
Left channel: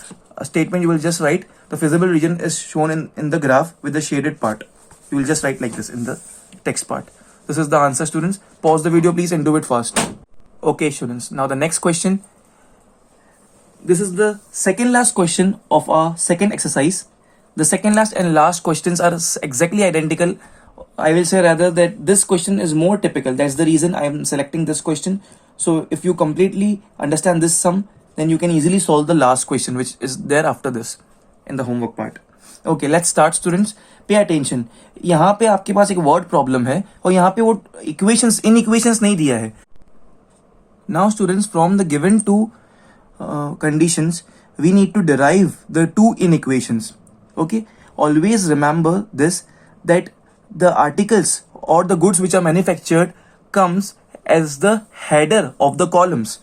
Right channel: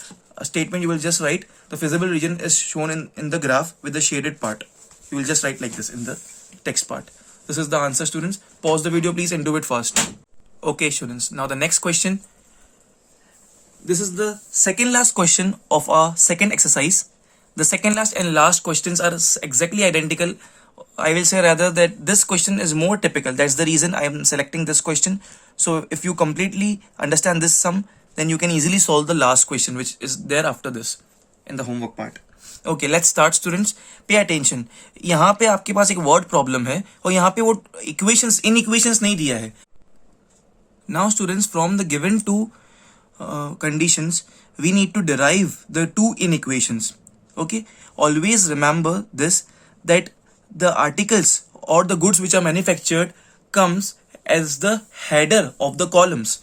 statement you will just write the feasible region is shown in the graph with the shaded part. You will just write like this in the text part. This is the answer, students. Pause the video please and do it fast. Okay, students. Now the next question. This is the second last question of our second exercise. The second last and last questions are exactly identical. I will say rather that this question is more typical. That's the reason I am selecting this question. So if you completely understand this sum, then you can easily solve the last question which is there after this in the homework part. Okay, let's start, students. Pay attention. यहाँ पे आपके पास एक word problem है और यहाँ पे वो equations नहीं दिया है. Now, students, from the given two conditions, we need to derive the two inequations. Okay, always remember this, that the articles or the goods which are manufactured comes as the header of the columns.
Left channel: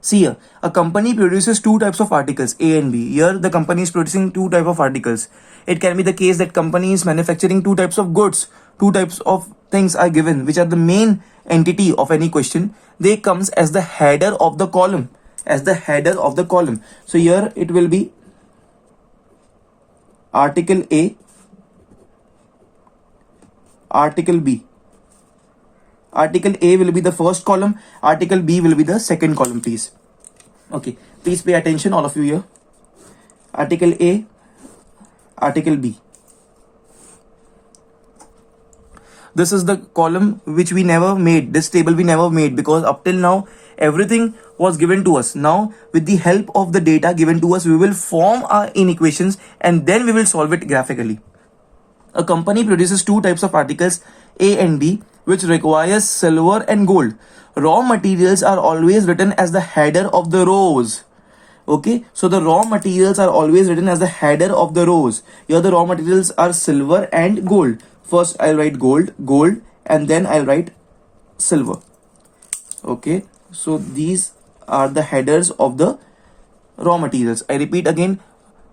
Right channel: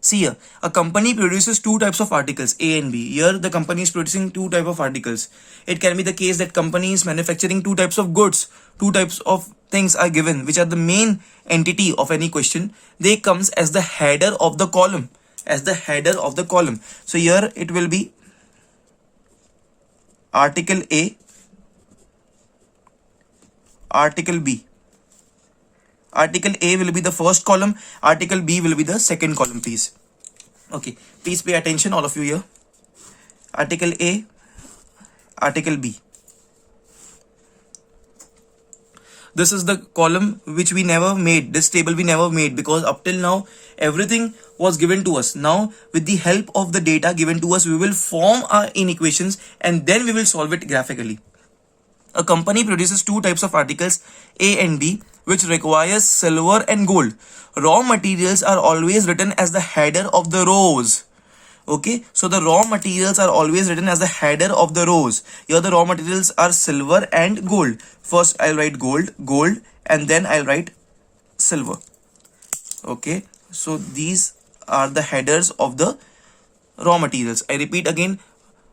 See here, a company produces two types of articles, A and B. Here the company is producing two types of articles. It can be the case that company is manufacturing two types of goods. Two types of things are given which are the main entity of any question. They comes as the header of the column. As the header of the column. So here it will be article A, article B. Article A will be the first column, article B will be the second column, please. Okay, please pay attention, all of you here. Article A, article B. This is the column which we never made, this table we never made, because up till now everything was given to us. Now with the help of the data given to us, we will form our inequations and then we will solve it graphically. A company produces two types of articles, A and B, which requires silver and gold. Raw materials are always written as the header of the rows. Okay, so the raw materials are always written as the header of the rows. Here the raw materials are silver and gold. First I'll write gold, and then I'll write silver. Okay, so these are the headers of the raw materials. I repeat again,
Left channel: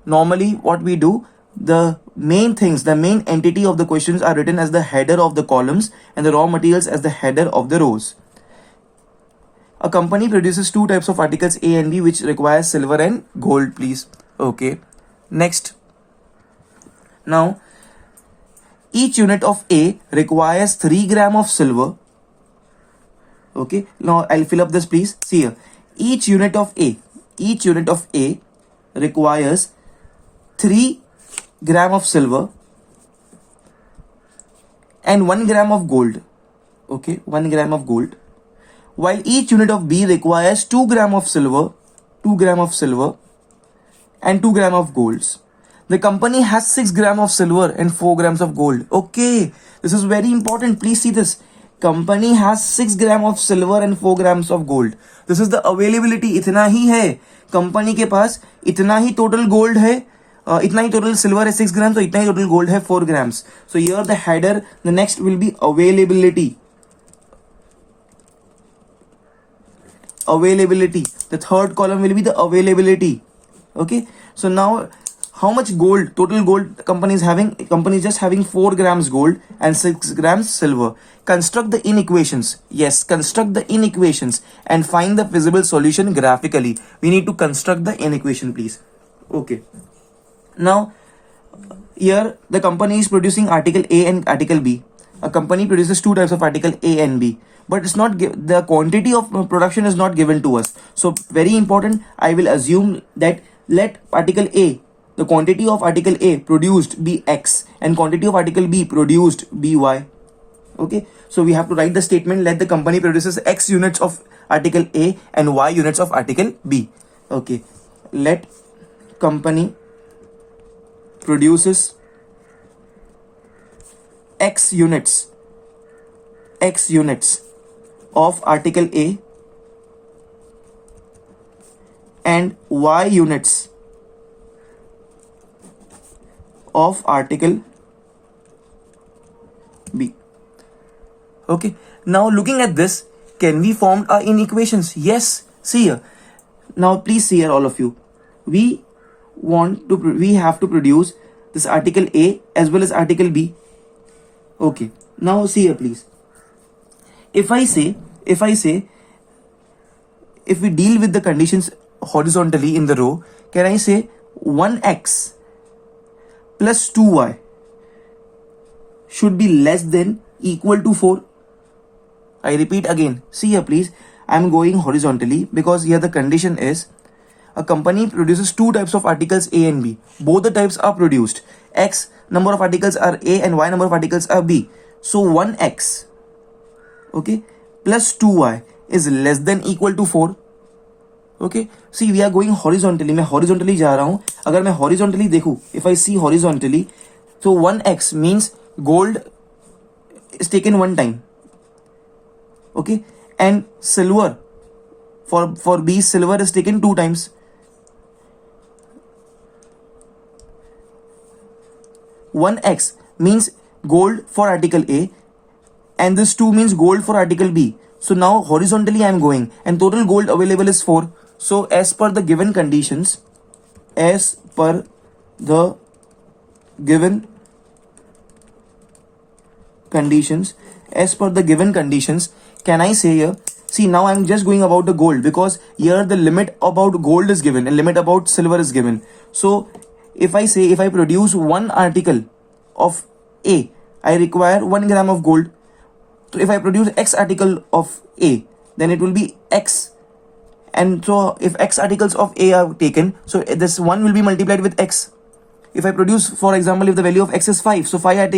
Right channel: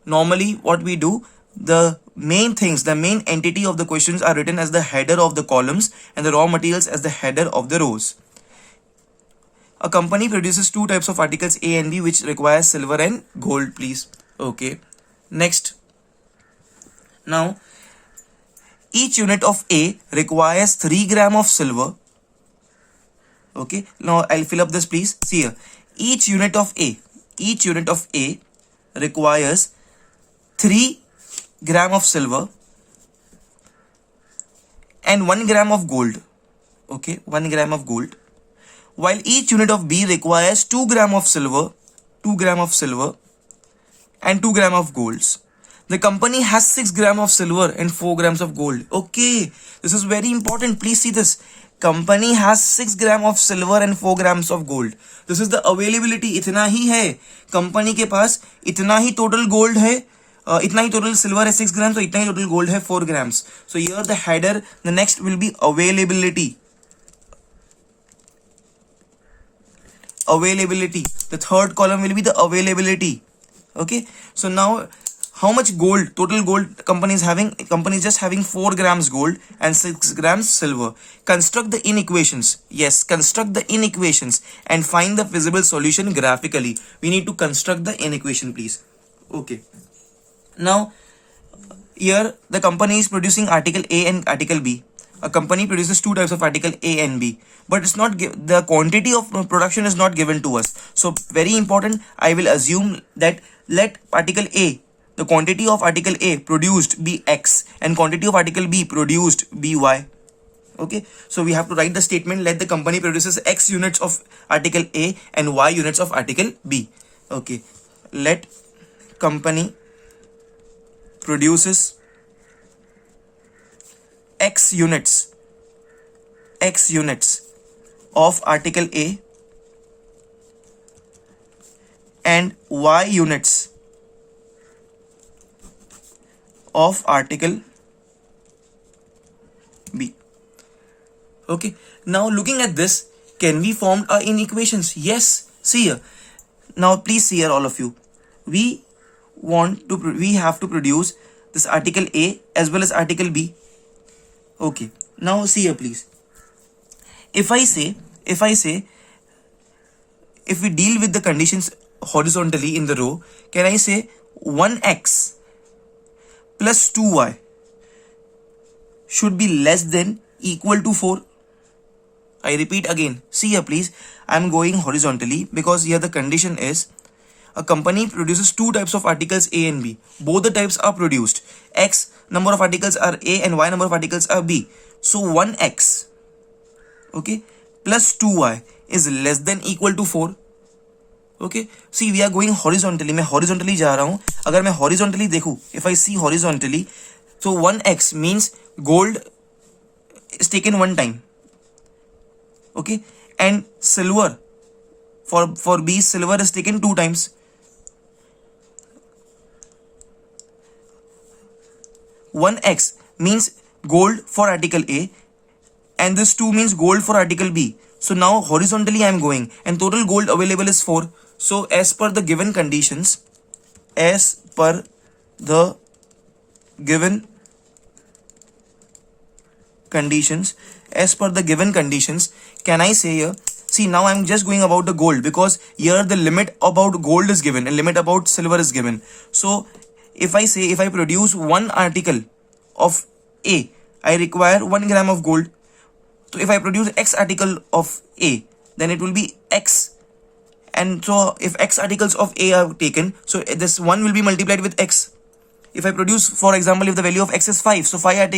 normally what we do, the main things, the main entity of the questions are written as the header of the columns and the raw materials as the header of the rows. A company produces two types of articles, A and B, which requires silver and gold, please. Okay, next. Now, each unit of A requires 3 grams of silver. Okay, now I'll fill up this, please. See here, each unit of A requires 3 grams of silver and 1 gram of gold. Okay, 1 gram of gold. While each unit of B requires 2 grams of silver, and 2 grams of golds. The company has 6 grams of silver and 4 grams of gold. Okay, this is very important. Please see this. Company has 6 grams of silver and 4 grams of gold. This is the availability. इतना ही है. Company के पास इतना ही total gold है. इतना ही total silver है 6 grams, तो इतना ही total gold है 4 grams. So here the header, the next will be availability. The third column will be the availability. Okay, so now how much gold, total gold company is having? Company is just having 4 grams gold and 6 grams silver. Construct the inequations. Yes, construct the inequations and find the feasible solution graphically. We need to construct the inequation, please. Okay, Now here the company is producing article A and article B. A company produces two types of article A and B, but it's not the quantity of production is not given to us. So very important, I will assume that let article A, the quantity of article A produced be X and quantity of article B produced be Y. Okay, so we have to write the statement, let the company produces X units of article A and Y units of article B. Okay, let company produces X units of article A and Y units of article B. Okay, now looking at this, can we form our inequations? Yes, see here. Now please see here, all of you. We have to produce this article A as well as article B. Okay, now see here please. If we deal with the conditions horizontally in the row, can I say 1x plus 2y should be less than equal to 4? I repeat again, see here please, I'm going horizontally because here the condition is a company produces two types of articles A and B. Both the types are produced. X number of articles are A and Y number of articles are B. So 1x, okay, plus 2y is less than equal to 4. Okay, see we are going horizontally. मैं horizontally जा रहा हूँ. अगर मैं horizontally देखूँ, if I see horizontally, so 1x means gold is taken one time. Okay, and silver for B, silver is taken two times. One x means gold for article A and this 2 means gold for article B. So now horizontally I am going and total gold available is 4. So as per the given conditions, can I say here, see now I'm just going about the gold because here the limit about gold is given and limit about silver is given. So if I produce one article of A, I require 1 gram of gold. So if I produce X article of A, then it will be X. And so if X articles of A are taken, so this 1 will be multiplied with X. If I produce, for example, if the value of X is 5, so 5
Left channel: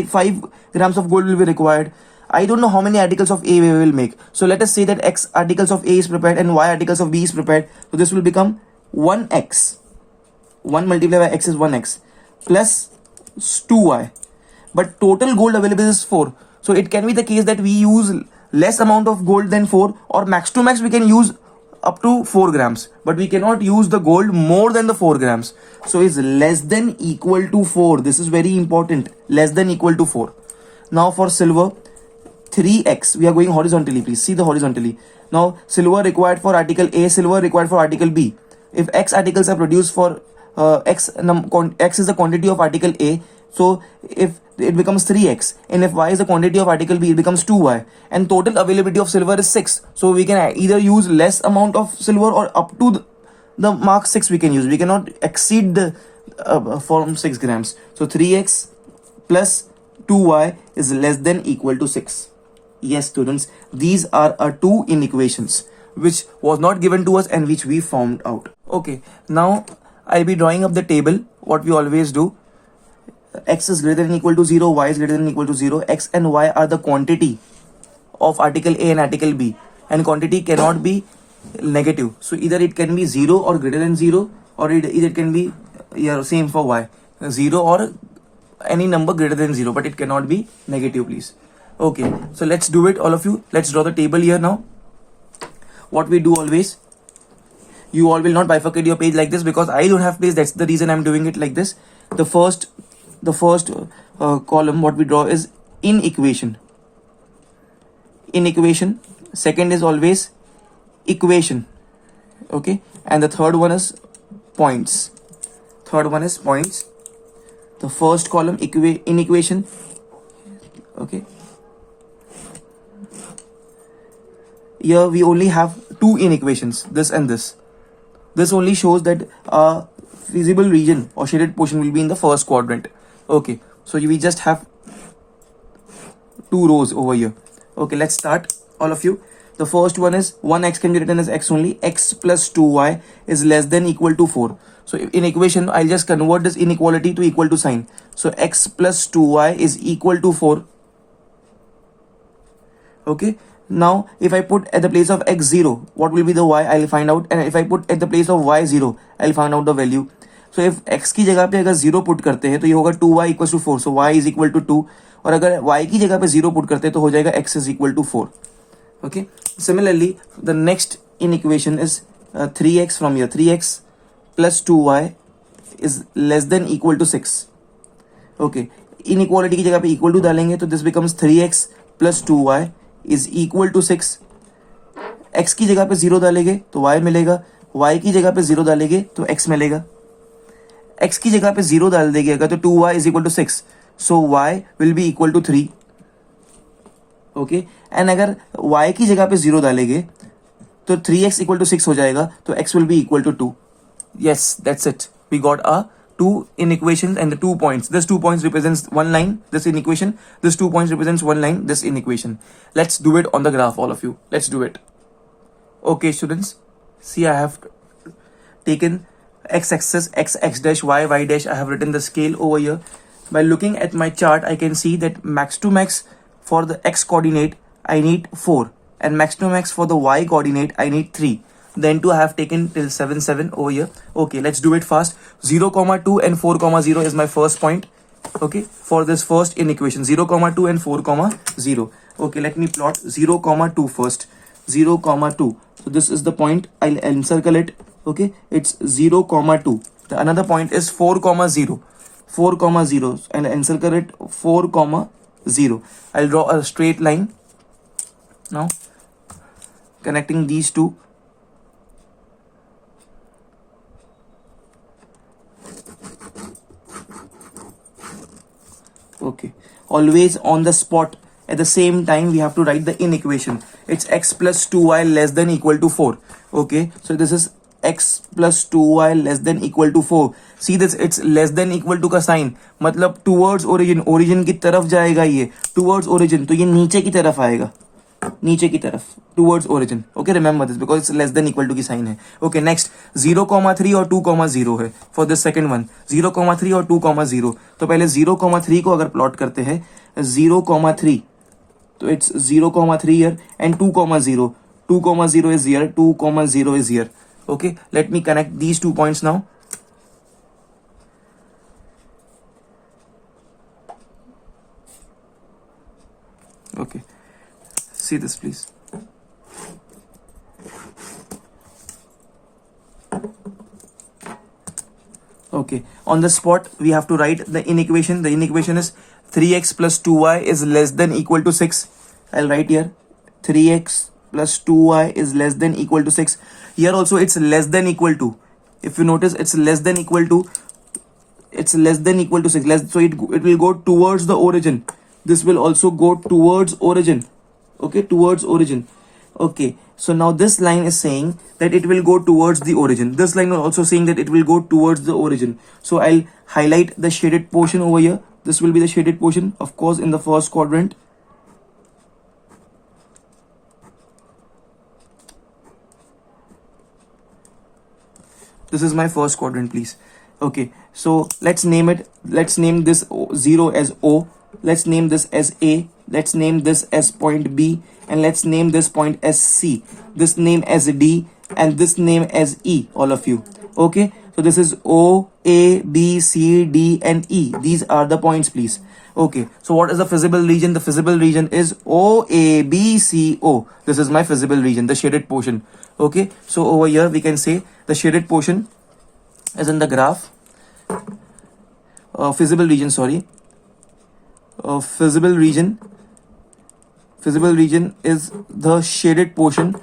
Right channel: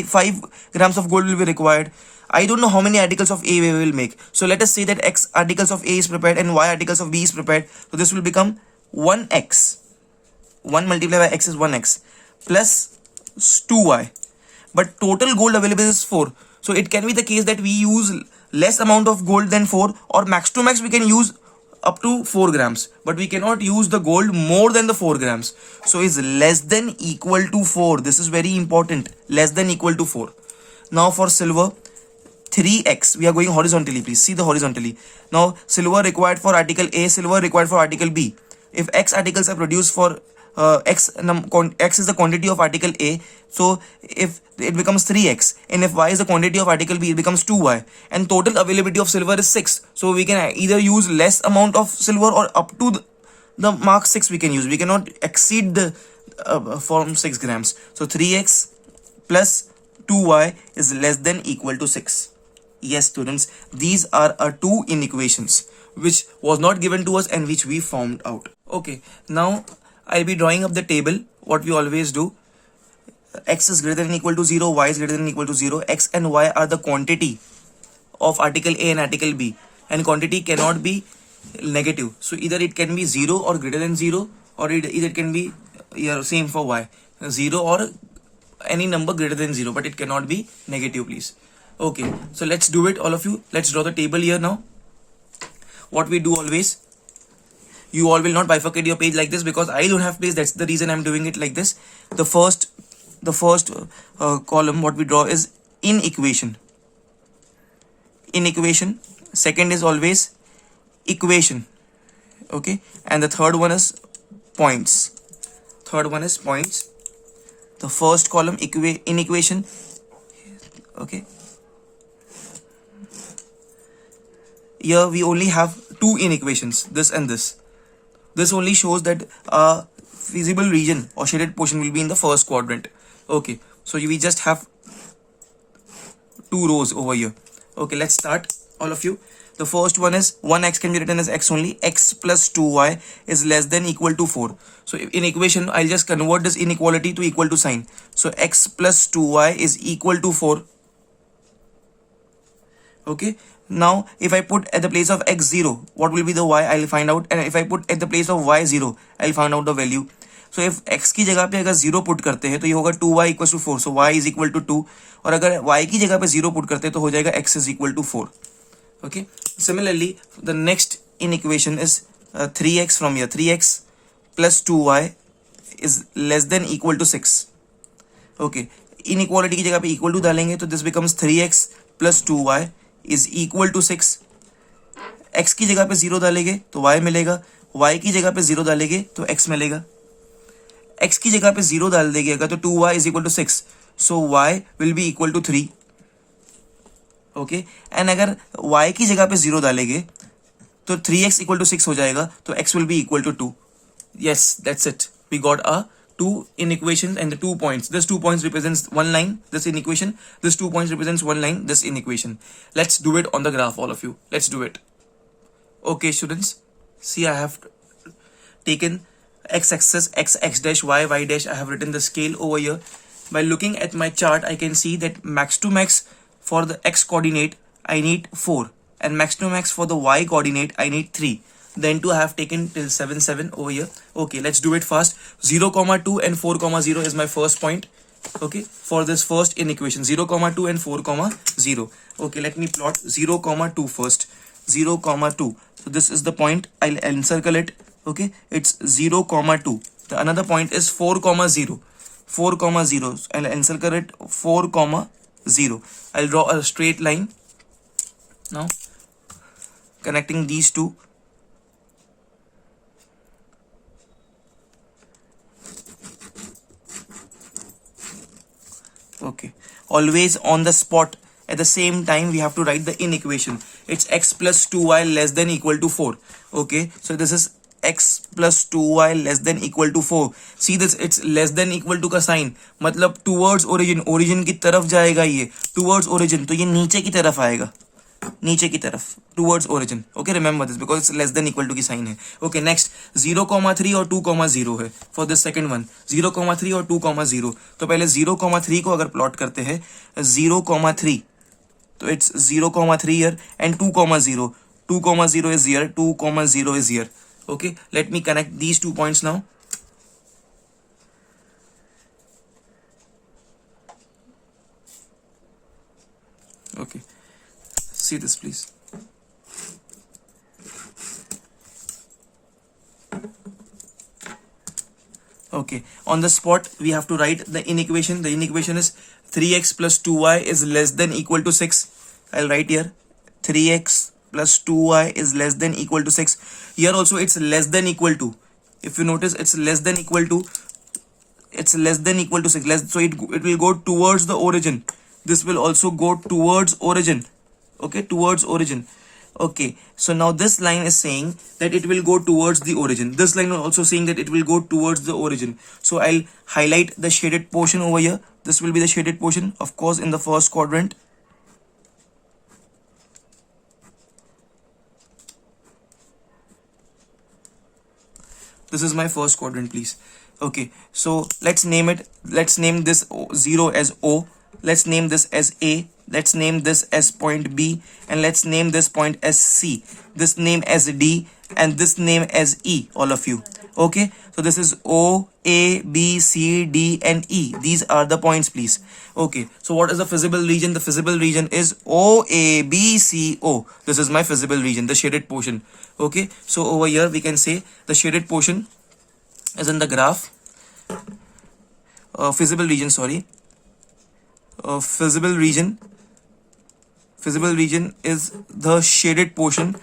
grams of gold will be required. I don't know how many articles of A we will make. So let us say that X articles of A is prepared and Y articles of B is prepared. So this will become 1x. 1 multiplied by X is 1x plus 2y. But total gold available is 4. So it can be the case that we use less amount of gold than 4, or max to max we can use up to 4 grams. But we cannot use the gold more than the 4 grams. So it's less than equal to 4. This is very important. Less than equal to 4. Now for silver, 3x. We are going horizontally, please. See the horizontally. Now silver required for article A, silver required for article B. If X articles are produced for X is the quantity of article A, so if it becomes 3x, and if Y is the quantity of article B, it becomes 2y, and total availability of silver is 6. So we can either use less amount of silver or up to the mark 6 we can use. We cannot exceed the from 6 grams. So 3x plus 2y is less than equal to 6. Yes students, these are our two inequations which was not given to us and which we found out. Okay, now I'll be drawing up the table, what we always do. X is greater than equal to 0, Y is greater than equal to 0. X and Y are the quantity of article A and article B, and quantity cannot be negative. So either it can be 0 or greater than 0, or either it can be same for Y, 0 or any number greater than 0, but it cannot be negative, please. Okay, so let's do it, all of you. Let's draw the table here now. What we do always, you all will not bifurcate your page like this because I don't have page. That's the reason I'm doing it like this. The first column what we draw is inequation. Second is always equation. Okay, and the third one is points. The first column inequation. Okay, here we only have two inequations, this and this. This only shows that feasible region or shaded portion will be in the first quadrant. Okay, so we just have two rows over here. Okay, let's start, all of you. The first one is 1x can be written as x only. X plus 2y is less than equal to 4. So in equation, I'll just convert this inequality to equal to sign. So x plus 2y is equal to 4. Okay, now if I put at the place of x 0, what will be the y? I'll find out. And if I put at the place of y 0, I'll find out the value. So if x की जगह पे अगर 0 put करते हैं तो ये होगा 2y equals to 4. So y is equal to 2. और अगर y की जगह पे 0 पुट करते हैं तो हो जाएगा x is equal to 4. Okay. Similarly, the next in equation is 3x from here. 3x plus 2y is less than equal to 6. Okay. Inequality की जगह पे equal to डालेंगे तो this becomes 3x plus 2y is equal to 6. x की जगह पे 0 डालेंगे तो y मिलेगा. y की जगह पे 0 डालेंगे तो x मिलेगा. x की जगह पे 0 डाल देंगे अगर तो 2y is equal to 6. So y will be equal to 3. Okay and अगर y की जगह पे 0 डालेंगे तो 3x इक्वल टू 6 हो जाएगा तो x will be equal to 2. yes, that's it. We got a 2 in equation and the 2 points. This 2 points represents one line, this in equation. This 2 points represents one line, this in equation. Let's do it on the graph, all of you. Let's do it. Okay, students. See, I have taken x-axis, x dash, y dash. I have written the scale over here. By looking at my chart, I can see that max to max for the x coordinate, I need 4. And max to max for the y coordinate, I need 3. Then 2 I have taken till 7, 7 over here. Okay, let's do it fast. 0, 2 and 4, 0 is my first point. Okay, for this first in equation. 0, 2 and 4, 0. Okay, let me plot 0, 2 first. 0, 2. So this is the point. I'll encircle it. Okay, it's 0, 2. The another point is 4, 0. 4, 0. I'll encircle it 4, 0. I'll draw a straight line now connecting these two. Okay, always on the spot at the same time we have to write the in equation. It's x plus 2y less than equal to 4. Okay, so this is x plus 2y less than equal to 4. See this, it's less than equal to का sign मतलब towards origin, origin की तरफ जाएगा ये towards origin, तो ये नीचे की तरफ आएगा, नीचे की तरफ towards origin. Okay, remember this because it's less than equal to की साइन है. Okay, next 0, 3 और 2, 0 है for the second one. 0, 3 और 2, 0. तो पहले 0, 3 को अगर प्लॉट करते हैं 0, 3 तो it's 0, 3 here and 2, 0. 2, 0 is here, 2, 0 is here. Okay, let me connect these 2 points now. Okay, see this please. Okay, on the spot we have to write the in equation. The in equation is 3x plus 2y is less than equal to 6. I'll write here 3x plus 2y is less than equal to 6. Here also it's less than equal to. If you notice, it's less than equal to. It's less than equal to 6. So it will go towards the origin. This will also go towards origin. Okay, towards origin. Okay, so now this line is saying that it will go towards the origin. This line is also saying that it will go towards the origin. So I'll highlight the shaded portion over here. This will be the shaded portion, of course, in the first quadrant. This is my first quadrant, please. Okay, so let's name it. Let's name this 0 as O. Let's name this as A. Let's name this as point B. And let's name this point as C. This name as D. And this name as E, all of you. Okay, so this is O, A, B, C, D, and E. These are the points, please. Okay, so what is the feasible region? The feasible region is O, A, B, C, O. This is my feasible region, the shaded portion. Okay, so over here we can say the shaded portion is in the graph. Feasible region, sorry. Feasible region is the shaded portion,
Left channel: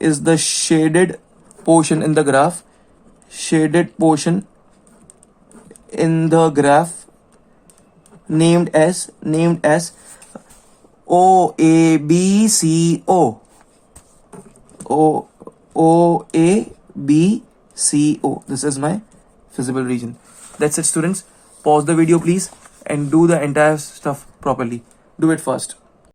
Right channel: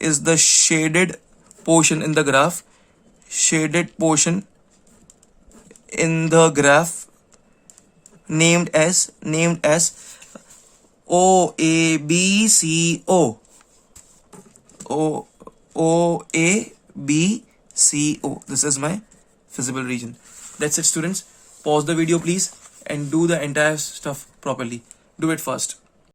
is the shaded portion in the graph. Shaded portion in the graph named as O, A, B, C, O. O, A, B, C, O. This is my visible region. That's it, students. Pause the video please and do the entire stuff properly. Do it first.